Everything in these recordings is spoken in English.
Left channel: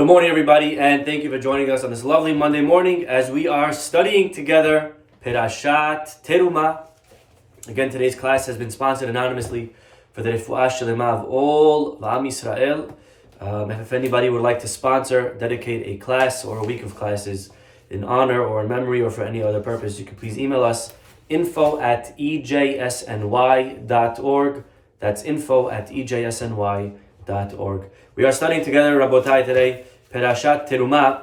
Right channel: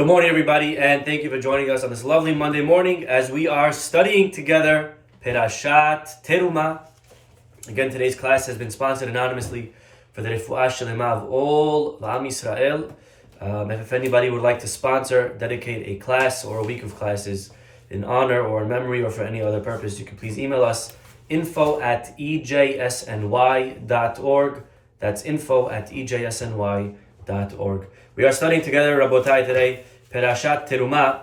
Good morning, everybody, and thank you for joining us on this lovely Monday morning as we are studying together Perashat Terumah. Again, today's class has been sponsored anonymously for the refuah shlema of all Am Yisrael. If anybody would like to sponsor, dedicate a class or a week of classes in honor or in memory or for any other purpose, you can please email us info@ejsny.org. That's info@ejsny.org. We are studying together, Rabotai, today, Perashat Terumah.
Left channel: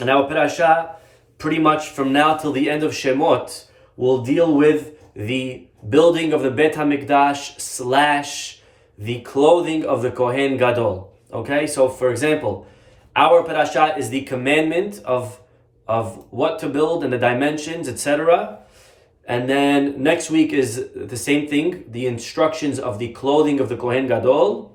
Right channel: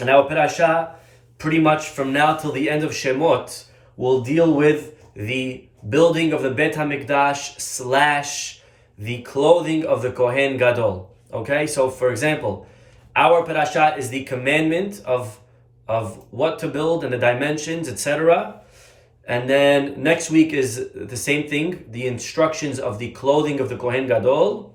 And our Perashat, pretty much from now till the end of Shemot, will deal with the building of the Bet HaMikdash / the clothing of the Kohen Gadol. Okay, so for example, our Perashat is the commandment of what to build and the dimensions, etc. And then next week is the same thing, the instructions of the clothing of the Kohen Gadol.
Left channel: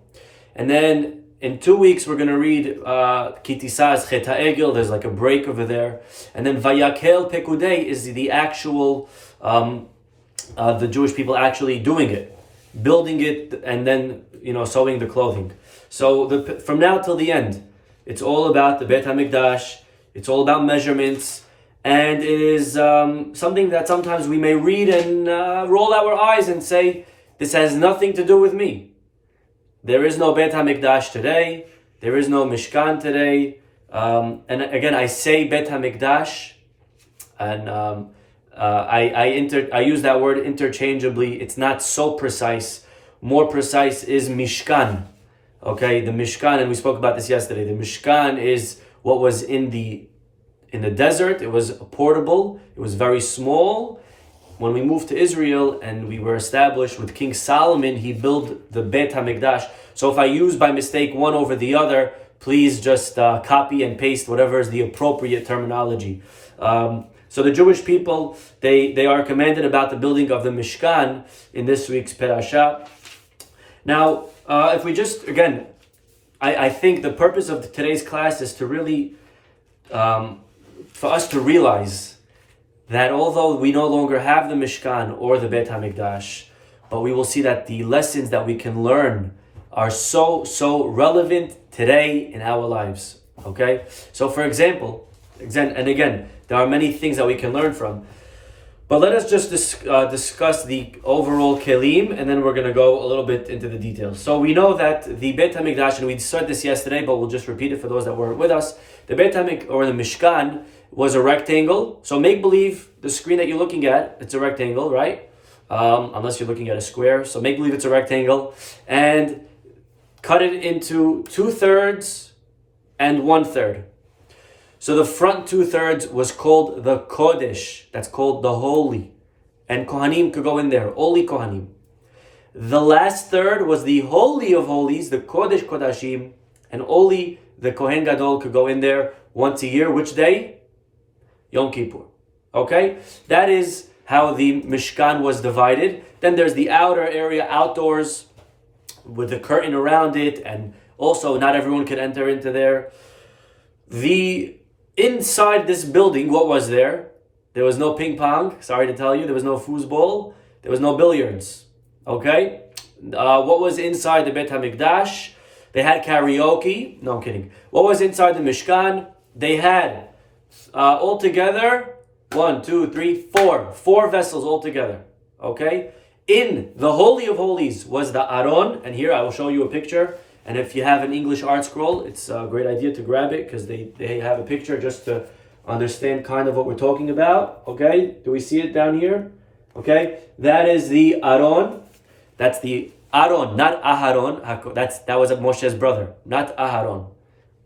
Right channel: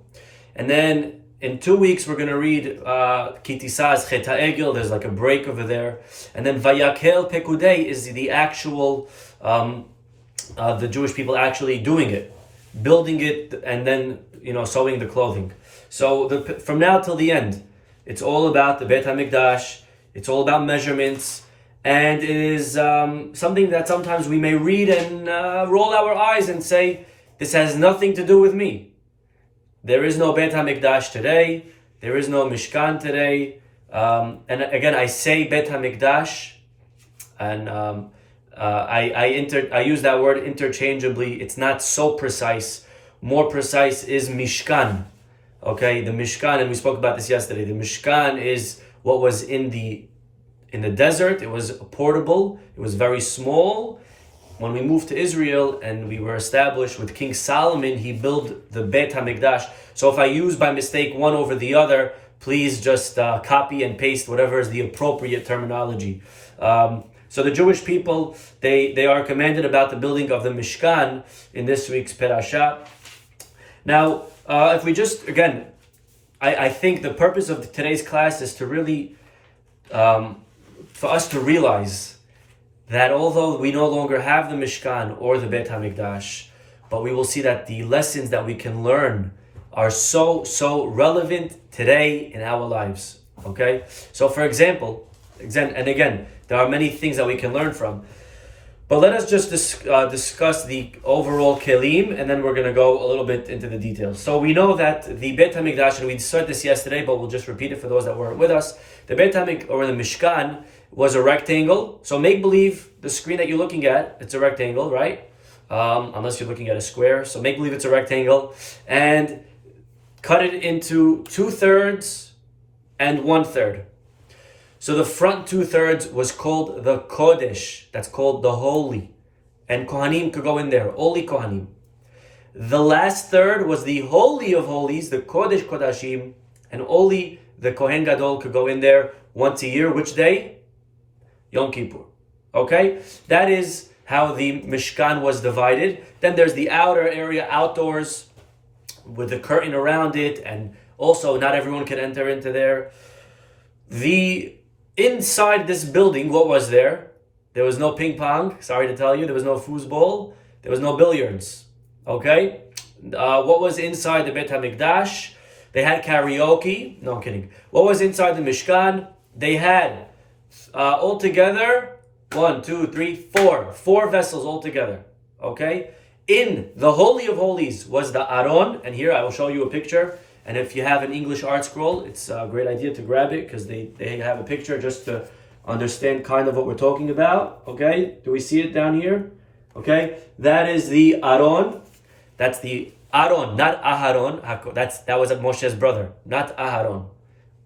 And then in 2 weeks, we're going to read Kitisaz Chet HaEgel. There's like a break over there. And then Vayakel Pekudei is the actual, the Jewish people actually doing it, building it, and then, sewing the clothing. So from now till the end, it's all about the Bet HaMikdash. It's all about measurements. And it is something that sometimes we may read and roll our eyes and say, this has nothing to do with me. There is no Bet HaMikdash today. There is no Mishkan today. And again, I say Bet HaMikdash, and I use that word interchangeably. It's not so precise. More precise is Mishkan. Okay, the Mishkan, and we spoke about this yesterday. The Mishkan is what was in the desert. It was portable. It was very small. When we moved to Israel and we were established with King Solomon, he built the Bet HaMikdash. So if I use by mistake one over the other, please just copy and paste whatever is the appropriate terminology. So the Jewish people, they are commanded about the building of the Mishkan in this week's Perashat. Now, if we just, again, I think the purpose of today's class is to really, for us to realize that although we no longer have the Mishkan or the Bet HaMikdash, but we will see that the lessons that we can learn are so relevant today in our lives. Okay? So for example, and again, there are many things that we can learn from, but let us just discuss the overall kelim, and then we're going to go a little bit into the details. So we know that the Bet HaMikdash, and we said this yesterday, but we'll just repeat it for those that weren't with us, the Bet HaMikdash, or the Mishkan, was a rectangle. So make believe the screen that you're looking at, it's a rectangle, right? Unless you're looking at a square. So make believe it's a rectangle. And cut it into 2/3 and 1/3. So the front 2/3 was called the Kodesh. That's called the holy. And Kohanim could go in there, only Kohanim. The last third was the Holy of Holies, the Kodesh Kodashim, and only the Kohen Gadol could go in there once a year. Which day? Yom Kippur. Okay? That is how the Mishkan was divided. Then there's the outer area, outdoors, with the curtain around it, and also not everyone could enter into there. Inside this building, what was there? There was no ping pong, sorry to tell you. There was no foosball. There was no billiards. Okay? What was inside the Bet HaMikdash? They had karaoke. No, I'm kidding. What was inside the Mishkan? They had altogether 4 vessels altogether. Okay? In the Holy of Holies was the Aron, and here I will show you a picture. And if you have an English art scroll, it's a great idea to grab it because they have a picture just to understand kind of what we're talking about. Okay? Do we see it down here? Okay? That is the Aron. That's the Aron, not Aharon. That was Moshe's brother, not Aharon.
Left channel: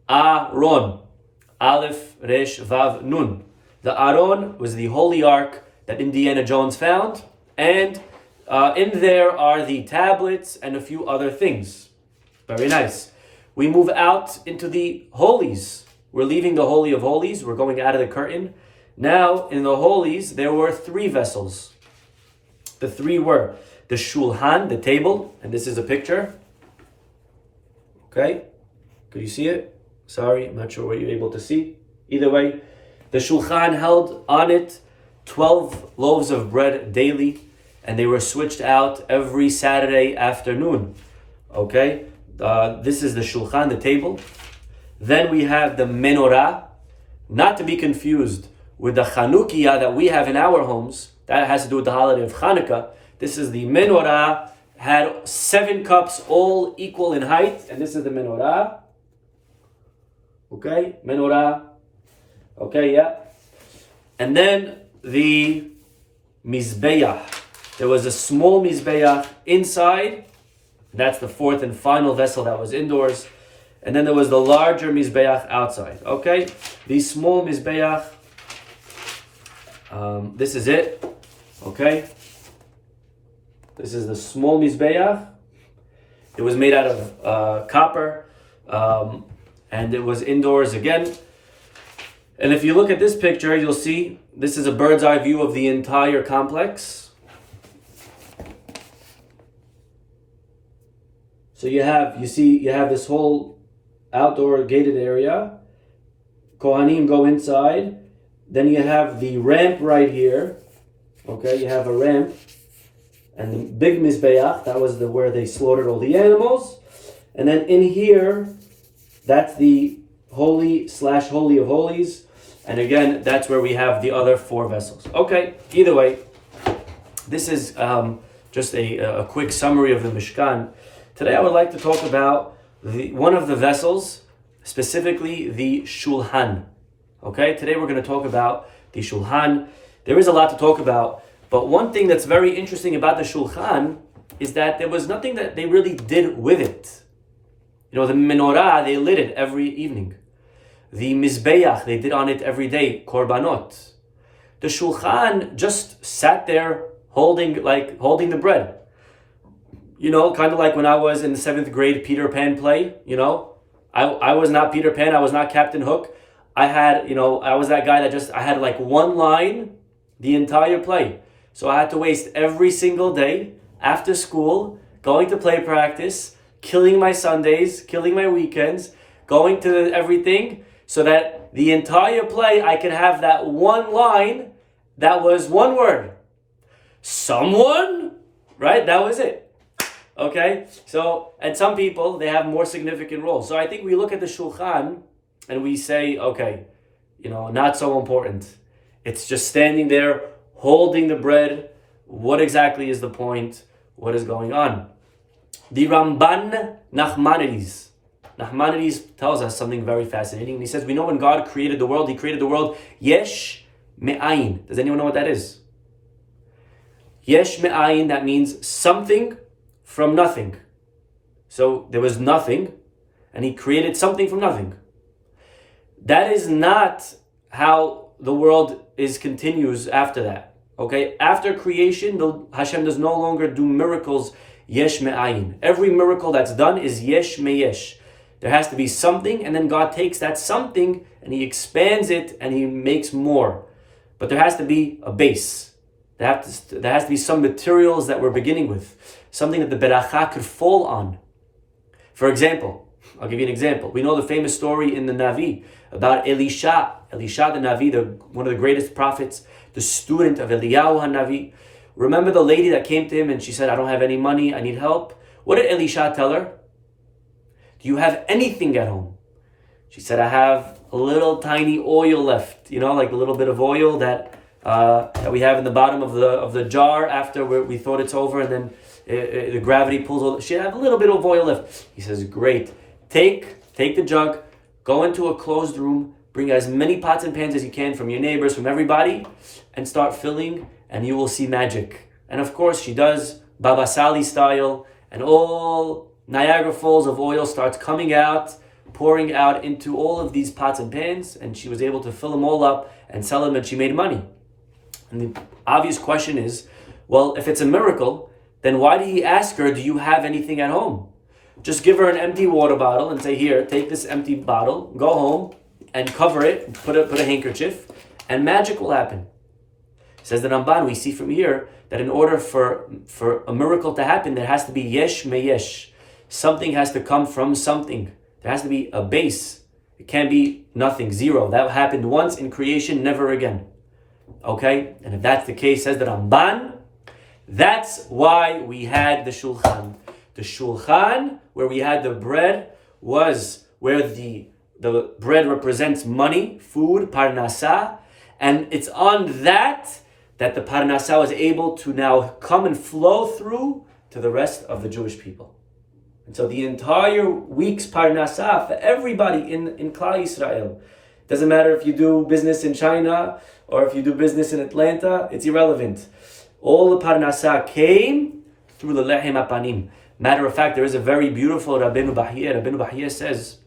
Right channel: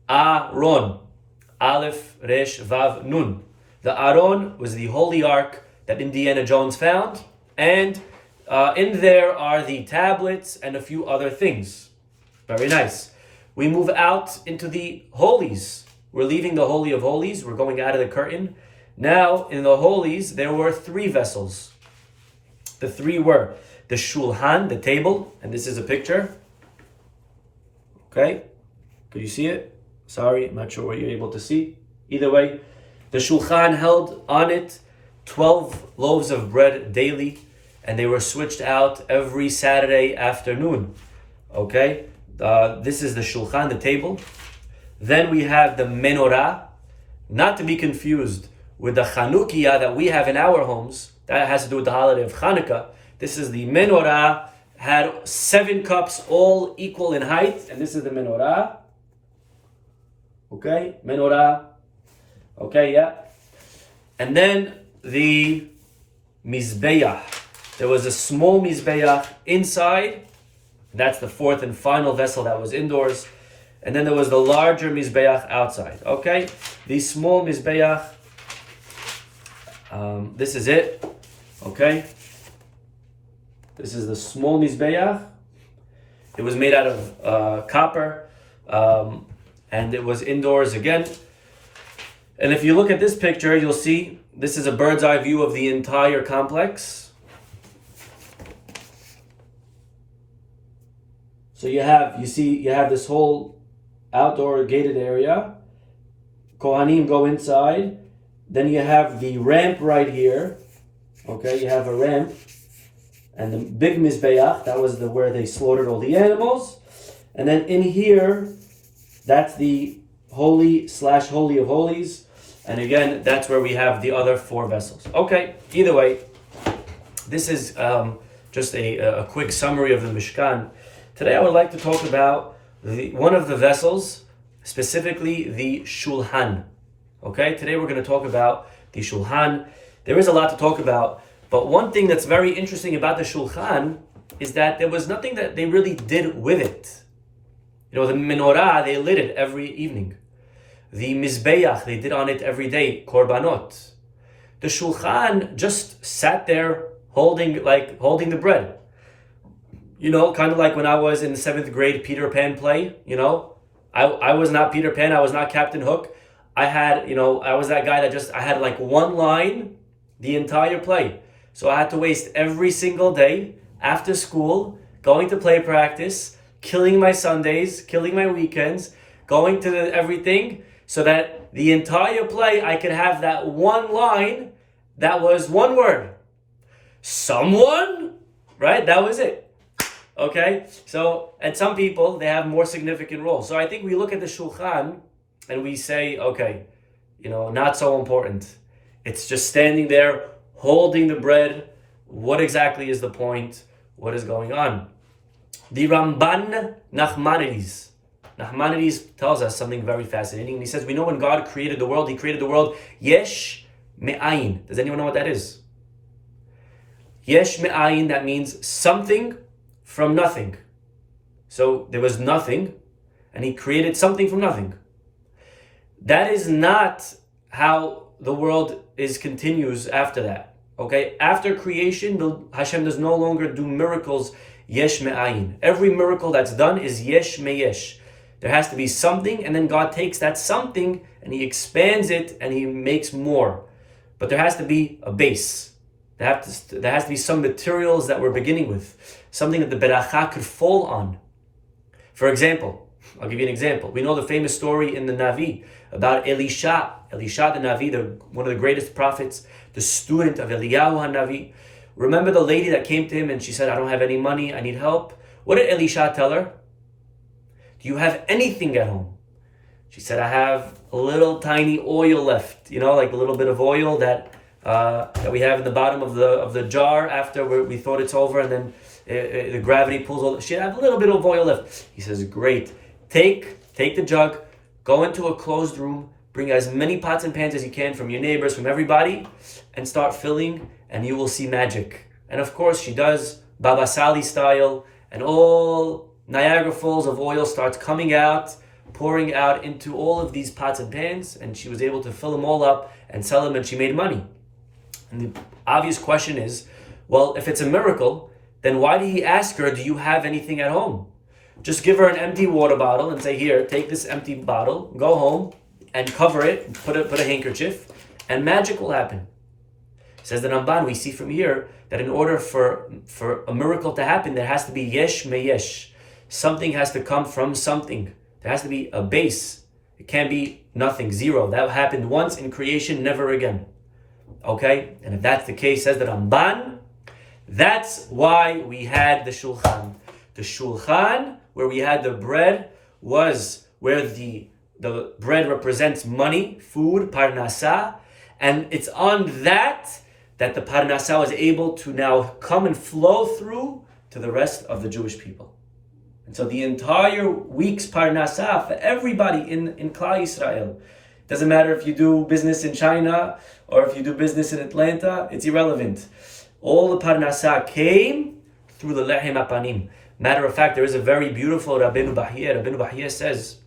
Aron. Aleph, Resh, Vav, Nun. The Aron was the holy ark that Indiana Jones found, and in there are the tablets and a few other things. Very nice. We move out into the holies. We're leaving the Holy of Holies. We're going out of the curtain. Now, in the holies, there were 3 vessels. The 3 were the Shulhan, the table, and this is a picture. Okay? Could you see it? Sorry, I'm not sure what you're able to see. Either way, the Shulchan held on it 12 loaves of bread daily, and they were switched out every Saturday afternoon. Okay? This is the Shulchan, the table. Then we have the menorah, not to be confused with the Chanukiah that we have in our homes. That has to do with the holiday of Hanukkah. This is the menorah, had 7 cups, all equal in height, and this is the menorah. Okay, menorah. Okay, yeah. And then the mizbeach. There was a small mizbeach inside. That's the 4th and final vessel that was indoors. And then there was the larger mizbeach outside. Okay, the small mizbeach. This is it. Okay. This is the small mizbeach. It was made out of copper, and it was indoors again. And if you look at this picture, you'll see this is a bird's eye view of the entire complex. So you have this whole outdoor gated area. Kohanim go inside. Then you have the ramp right here. Okay, you have a ramp. And the big mizbeach, that was where they slaughtered all the animals. And then in here, that's the holy of holies. And again, that's where we have the other 4 vessels. Okay, either way, this is just a quick summary of the Mishkan. Today I would like to talk about one of the vessels, specifically the Shulhan. Okay, today we're going to talk about the Shulhan. There is a lot to talk about, but one thing that's very interesting about the Shulchan is that there was nothing that they really did with it. You know, the menorah, they lit it every evening. The mizbeach, they did on it every day, korbanot. The Shulchan just sat there holding the bread. You know, kind of like when I was in the 7th grade Peter Pan play, you know. I was not Peter Pan, I was not Captain Hook. I was that guy that I had like one line the entire play. So I had to waste every single day after school, going to play practice, killing my Sundays, killing my weekends, going to everything, so that the entire play I could have that one line that was one word. Someone, right? That was it. Okay? So, and some people, they have more significant roles. So I think we look at the Shulchan and we say, okay, you know, not so important. It's just standing there, holding the bread. What exactly is the point? What is going on? The Ramban Nachmanides tells us something very fascinating. He says, we know when God created the world, He created the world yesh me'ayin. Does anyone know what that is? Yesh me'ayin, that means something from nothing. So there was nothing, and He created something from nothing. That is not how the world continues after that. Okay, after creation, Hashem does no longer do miracles yesh me'ayin. Every miracle that's done is yesh me'yesh. There has to be something, and then God takes that something and He expands it and He makes more. But there has to be a base. There has to be some materials that we're beginning with, something that the beracha could fall on. For example, I'll give you an example. We know the famous story in the Navi about Elisha the Navi, one of the greatest prophets, the student of Eliyahu HaNavi. Remember the lady that came to him and she said, I don't have any money, I need help. What did Elisha tell her? Do you have anything at home? She said, I have a little tiny oil left, you know, like a little bit of oil that we have in the bottom of the jar after we thought it's over, and then the gravity pulls all. She had a little bit of oil left. He says, great. Take the jug, go into a closed room, bring as many pots and pans as you can from your neighbors, from everybody, and start filling, and you will see magic. And of course, she does Baba Sali style, and all Niagara Falls of oil starts coming out, pouring out into all of these pots and pans, and she was able to fill them all up and sell them, and she made money. And the obvious question is, well, if it's a miracle, then why did He ask her, do you have anything at home? Just give her an empty water bottle and say, here, take this empty bottle, go home and cover it, put a handkerchief, and magic will happen. Says the Ramban, we see from here that in order for a miracle to happen, there has to be yesh me'yesh. Something has to come from something. There has to be a base. It can't be nothing, zero. That happened once in creation, never again. Okay? And if that's the case, says the Ramban, that's why we had the Shulchan. The Shulchan, where we had the bread, was where the the bread represents money, food, parnasa, and it's on that the parnasa was able to now come and flow through to the rest of the Jewish people. And so the entire week's parnasa for everybody in Klal Yisrael, doesn't matter if you do business in China or if you do business in Atlanta, it's irrelevant. All the parnasa came through the lehem apanim. Matter of fact, there is a very beautiful Rabbeinu Bahia. Rabbeinu Bahia says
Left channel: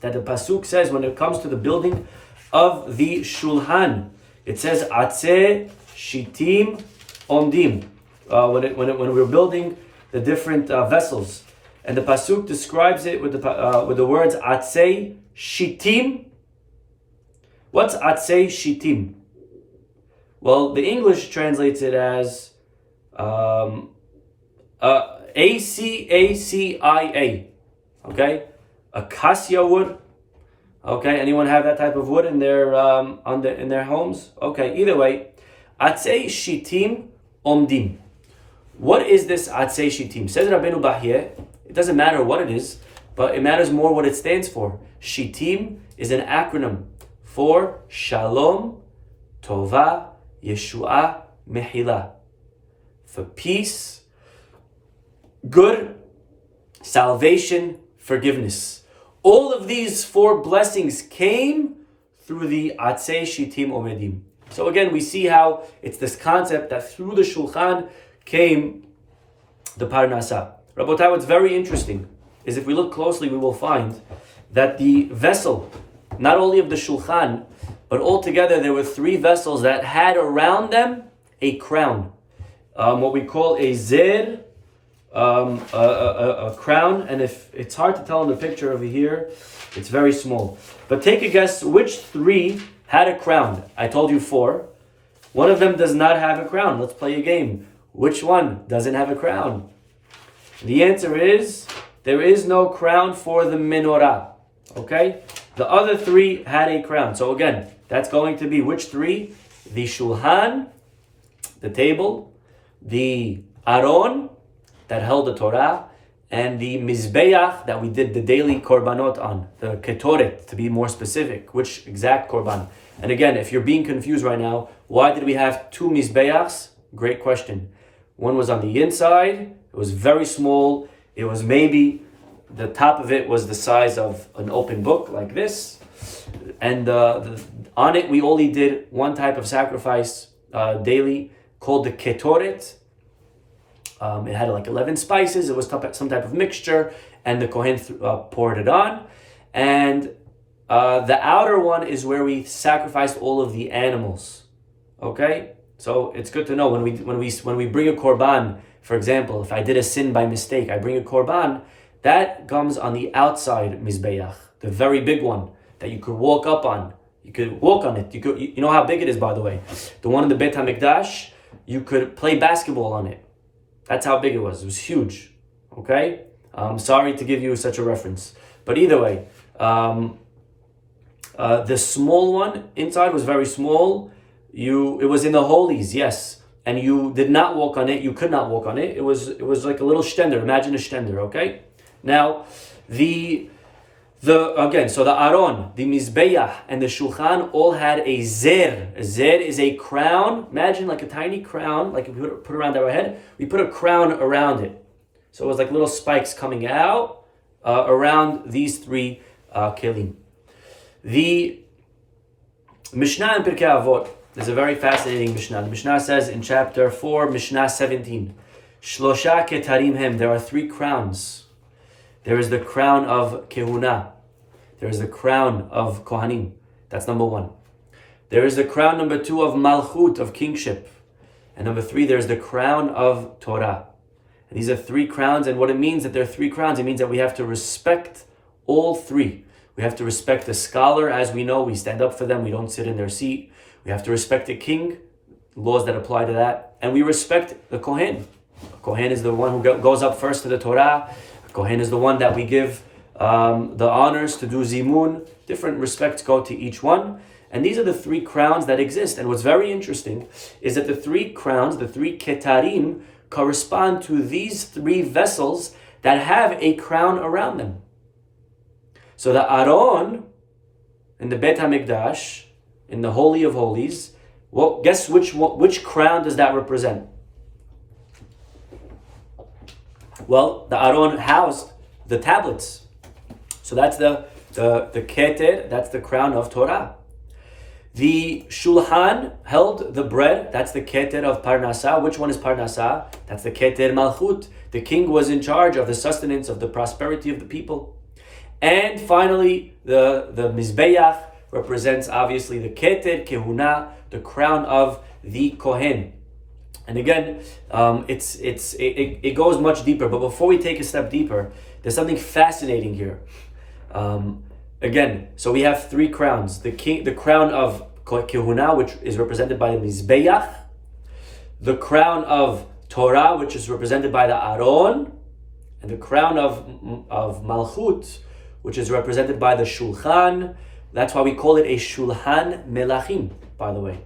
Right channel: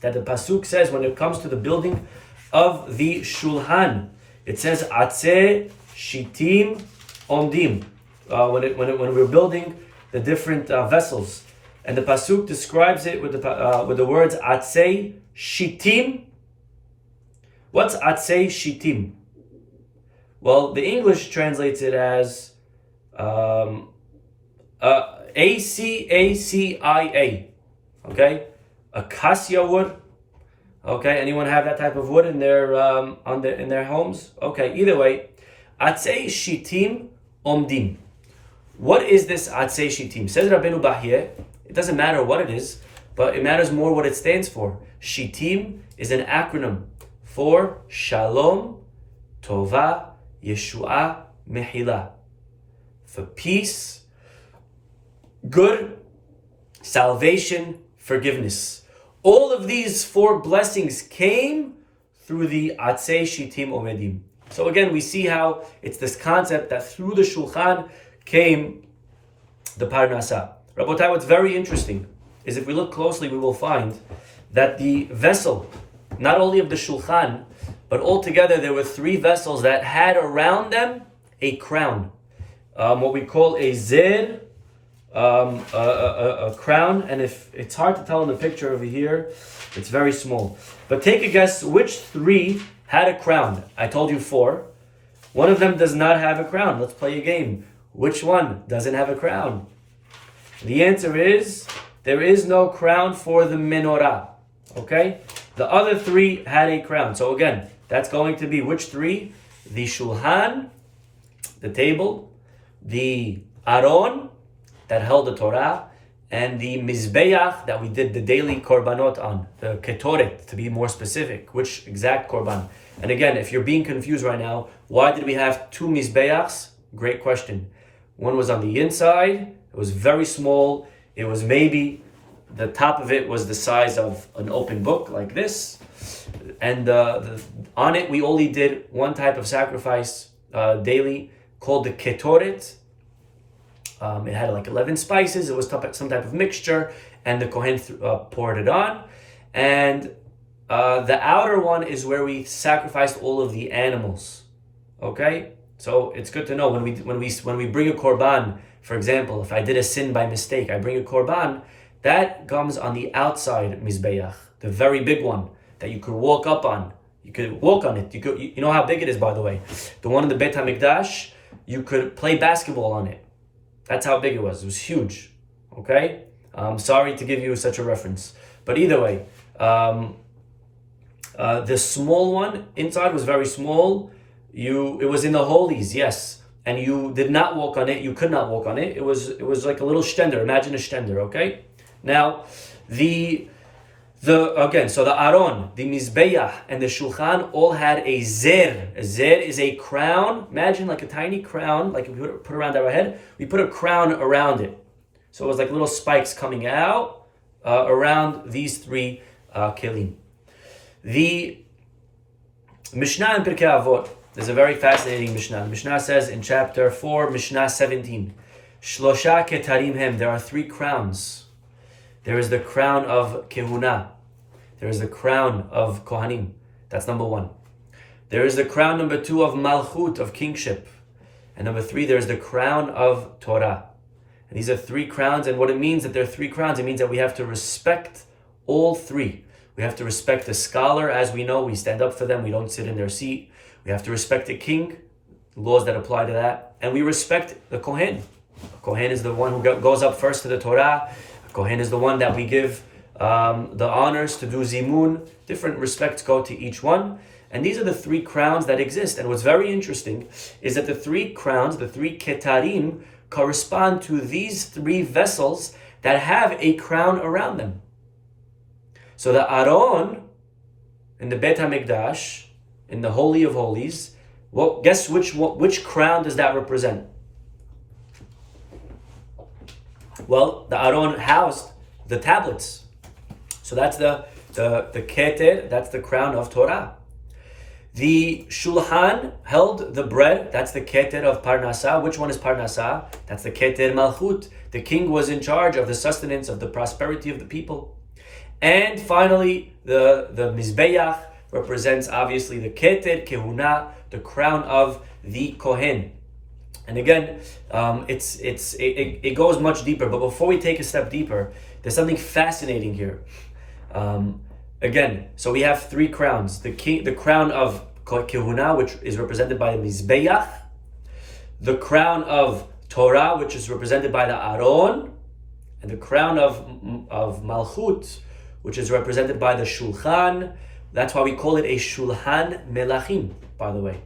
that the pasuk says when it comes to the building of the Shulhan, it says Atzeh Shtim Omdim. When we're building the different vessels, and the pasuk describes it with the words Atzeh Shtim. What's Atzeh Shtim? Well, the English translates it as ACACIA. Okay, acacia wood. Okay, anyone have that type of wood in their in their homes? Okay, either way, Atzei Shtim Omdim. What is this Atzei Shtim? Says Rabbeinu Bahia, it doesn't matter what it is, but it matters more what it stands for. Shtim is an acronym for Shalom, Tova, Yeshua, Mehila. For peace, good, salvation, forgiveness. All of these four blessings came through the Atzei Shtim Omedim. So again, we see how it's this concept that through the Shulchan came the Parnasa. Rabotai, what's very interesting is if we look closely, we will find that the vessel, not only of the Shulchan, but altogether there were three vessels that had around them a crown. What we call a zer, a crown, and if it's hard to tell in the picture over here, it's very small. But take a guess which three had a crown. I told you four. One of them does not have a crown. Let's play a game. Which one doesn't have a crown? The answer is there is no crown for the menorah. Okay? The other three had a crown. So again, that's going to be which three? The Shulhan, the table, the Aron, that held the Torah, and the Mizbeach that we did the daily korbanot on, the Ketoret to be more specific, which exact korban. And again, if you're being confused right now, why did we have two Mizbeachs? Great question. One was on the inside, it was very small, it was maybe, the top of it was the size of an open book like this, and on it we only did one type of sacrifice daily called the Ketoret. It had like 11 spices. It was some type of mixture, and the Kohen poured it on. And the outer one is where we sacrificed all of the animals. Okay, so it's good to know when we bring a korban. For example, if I did a sin by mistake, I bring a korban. That comes on the outside mizbeach, the very big one that you could walk up on. You could walk on it. You know how big it is, by the way. The one in the Beit HaMikdash, you could play basketball on it. That's how big it was. It was huge. Okay? Sorry to give you such a reference. But either way, the small one inside was very small. It was in the holies, yes. And you did not walk on it. You could not walk on it. It was like a little stender. Imagine a stender, okay? Now, so the Aron, the Mizbeach, and the Shulchan all had a zer. A zer is a crown. Imagine like a tiny crown, like if we put around our head, we put a crown around it. So it was like little spikes coming out around these three kelim. The Mishnah in Pirkei Avot is a very fascinating Mishnah. The Mishnah says in chapter 4, Mishnah 17, Shlosha ketarim hem, there are three crowns. There is the crown of Kehuna. There is the crown of Kohanim. That's number one. There is the crown number 2 of Malchut, of kingship. And number 3, there is the crown of Torah. And these are three crowns. And what it means that there are three crowns, it means that we have to respect all three. We have to respect the scholar. As we know, we stand up for them. We don't sit in their seat. We have to respect the king, laws that apply to that. And we respect the Kohen. The Kohen is the one who goes up first to the Torah. Kohen is the one that we give the honors to do zimun. Different respects go to each one. And these are the three crowns that exist. And what's very interesting is that the three crowns, the three ketarim, correspond to these three vessels that have a crown around them. So the Aron in the Beit HaMikdash, in the Holy of Holies, guess which crown does that represent? Well, the Aron housed the tablets. So that's the keter, that's the crown of Torah. The Shulhan held the bread, that's the keter of Parnasah. Which one is Parnasah? That's the keter Malchut. The king was in charge of the sustenance, of the prosperity of the people. And finally, the Mizbeach represents obviously the keter Kehuna, the crown of the Kohen. And again, it goes much deeper. But before we take a step deeper, there's something fascinating here. Again, so we have three crowns: the crown of Kehuna, which is represented by the Mizbeach; the crown of Torah, which is represented by the Aron; and the crown of Malchut, which is represented by the Shulchan. That's why we call it a Shulhan Melachim, by the way.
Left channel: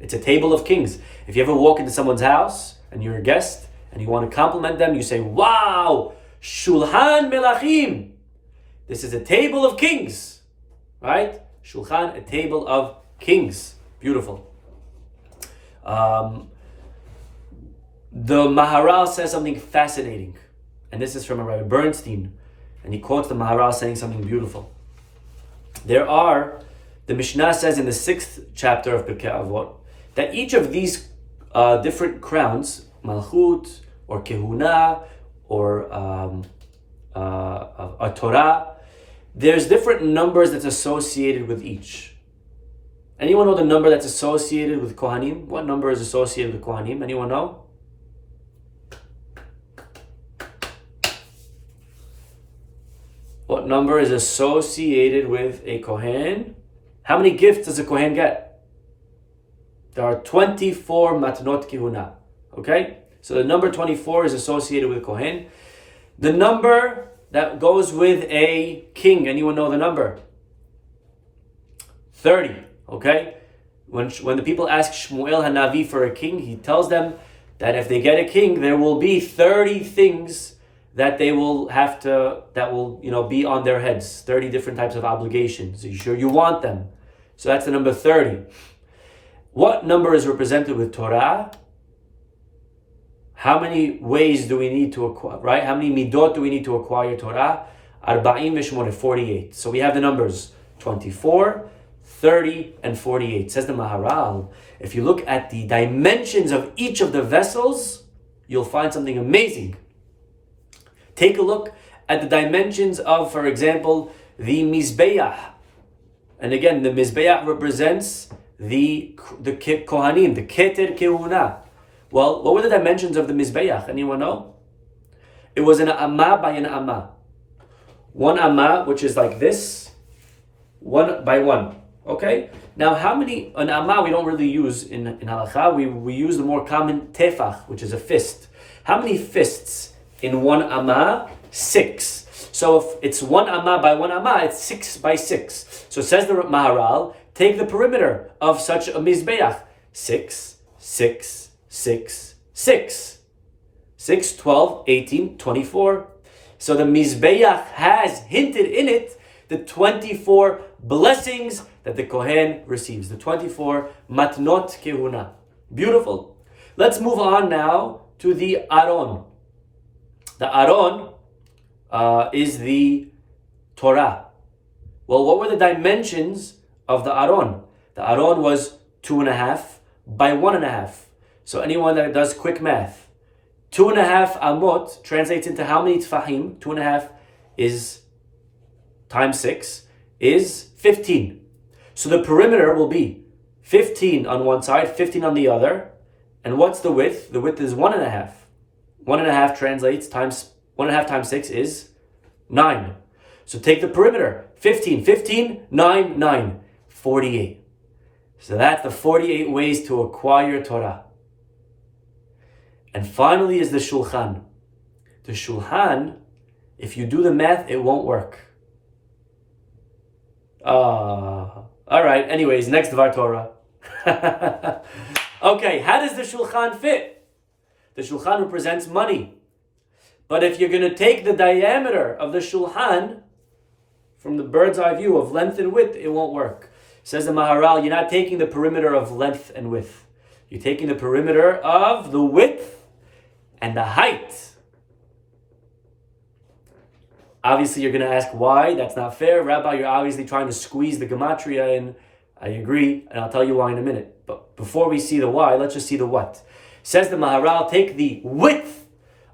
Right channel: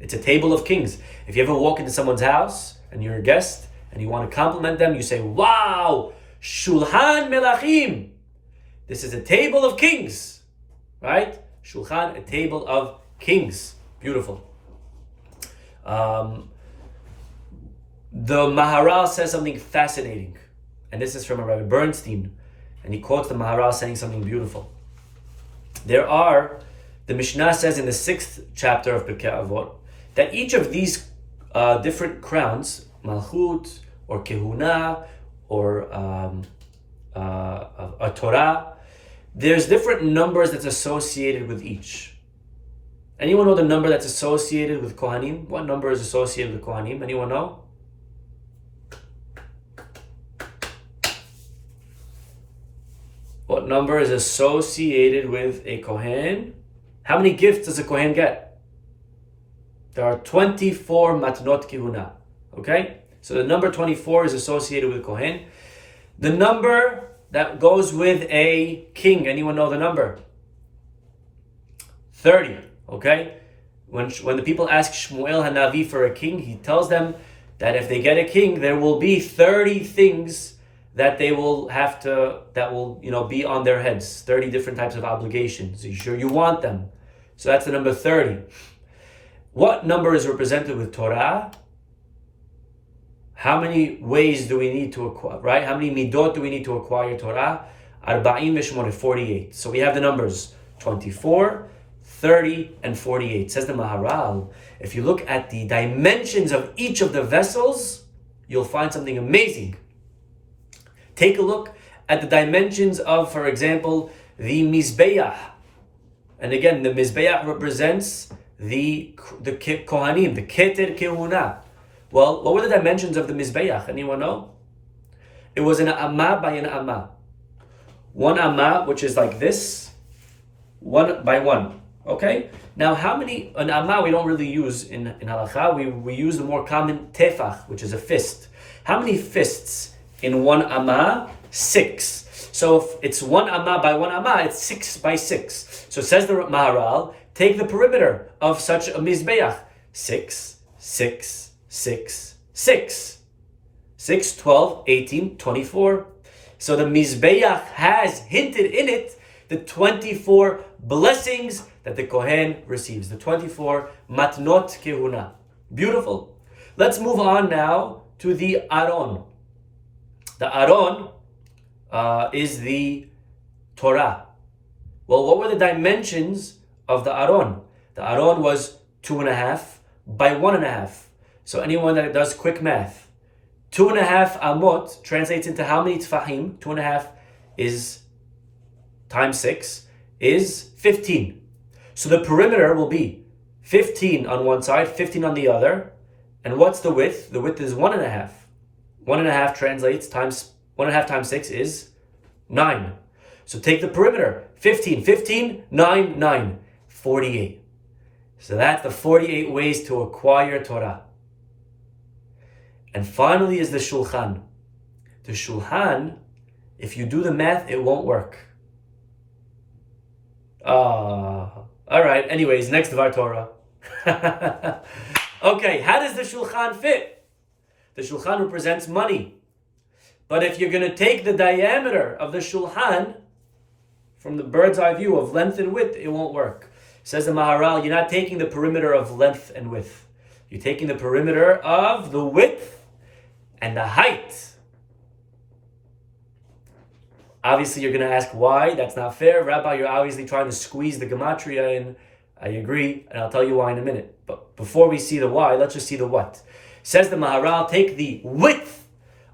It's a table of kings. If you ever walk into someone's house and you're a guest and you want to compliment them, you say, "Wow, Shulhan Melachim." This is a table of kings, right? Shulchan, a table of kings. Beautiful. The Maharal says something fascinating, and this is from Rabbi Bernstein, and he quotes the Maharal saying something beautiful. The Mishnah says in the 6th chapter of Pirkei Avot, that each of these different crowns, Malchut or Kehuna or a Torah, there's different numbers that's associated with each. Anyone know the number that's associated with Kohanim? What number is associated with Kohanim? Anyone know? What number is associated with a Kohen? How many gifts does a Kohen get? There are 24 matnot kehuna. Okay? So the number 24 is associated with Kohen. The number that goes with a king, anyone know the number? 30. Okay? When the people ask Shmuel Hanavi for a king, he tells them that if they get a king, there will be 30 things that they will have to, that will, be on their heads. 30 different types of obligations. Are you sure you want them? So that's the number 30. What number is represented with Torah? How many ways do we need to acquire, right? How many midot do we need to acquire Torah? 48. So we have the numbers 24, 30, and 48. Says the Maharal, if you look at the dimensions of each of the vessels, you'll find something amazing. Take a look at the dimensions of, for example, the Mizbeach. And again, the Mizbeach represents the Kohanim, the Keter Kehuna. Well, what were the dimensions of the Mizbeach? Anyone know? It was an Amma by an Amma. One Amma, which is like this, 1 by 1. Okay? Now, how many, an Amma we don't really use in Halakha, we use the more common Tefach, which is a fist. How many fists in one Amma? 6. So if it's 1 Amma by 1 Amma, it's 6 by 6. So it says the Maharal, take the perimeter of such a Mizbeach. 6, 6, 6, 6. 6, 12, 18, 24. So the Mizbeach has hinted in it the 24 blessings that the Kohen receives. The 24 matnot kehuna. Beautiful. Let's move on now to the Aron. The Aron is the Torah. Well, what were the dimensions of the Aron? The Aron was 2.5 by 1.5. So anyone that does quick math, 2.5 amot translates into how many tfahim? 2.5 is times 6 is 15. So the perimeter will be 15 on one side, 15 on the other. And what's the width? The width is 1.5. 1.5 translates times 1.5 times 6 is 9. So take the perimeter. 15, 15, 9, 9. 48. So that's the 48 ways to acquire Torah. And finally is the Shulchan. The Shulchan, if you do the math, it won't work. All right, anyways, next Dvar Torah. Okay, how does the Shulchan fit? The Shulchan represents money. But if you're going to take the diameter of the Shulchan from the bird's eye view of length and width, it won't work. Says the Maharal, you're not taking the perimeter of length and width. You're taking the perimeter of the width and the height. Obviously, you're going to ask why. That's not fair. Rabbi, you're obviously trying to squeeze the gematria in. I agree, and I'll tell you why in a minute. But before we see the why, let's just see the what. Says the Maharal, take the width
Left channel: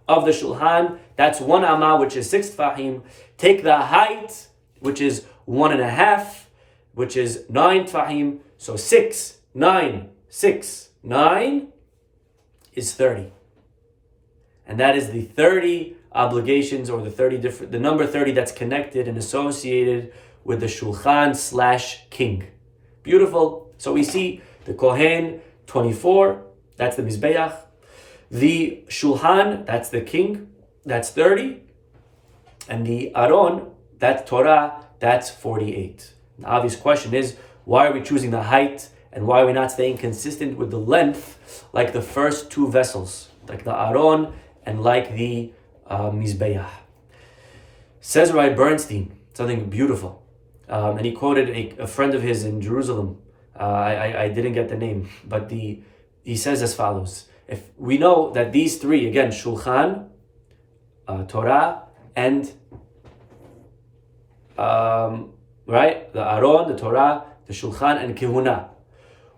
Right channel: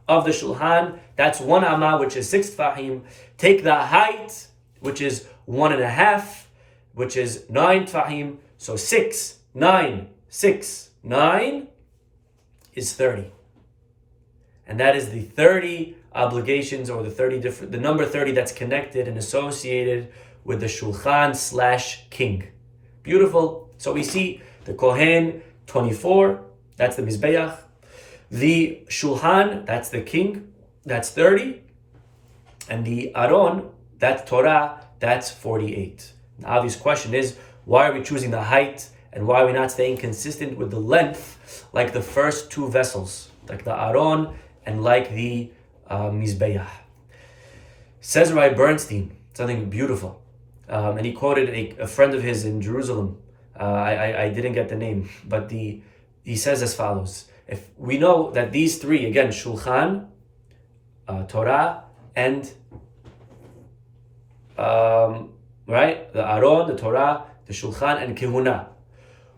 of the Shulhan, that's 1 amah, which is 6 tfahim. Take the height, which is 1.5, which is 9 tfahim. So 6, 9, 6, 9 is 30. And that is the 30 obligations, or the number 30 that's connected and associated with the Shulchan / king. Beautiful. So we see the Kohen, 24, that's the Mizbeach. The Shulhan, that's the king, that's 30. And the Aron, that's Torah, that's 48. The obvious question is, why are we choosing the height, and why are we not staying consistent with the length like the first two vessels, like the Aron and like the Mizbeach? Says Rabbi Bernstein something beautiful. And he quoted a friend of his in Jerusalem. I didn't get the name, but he says as follows. If we know that these three, again, Shulchan, Torah, and right, the Aron, the Torah, the Shulchan, and Kehuna,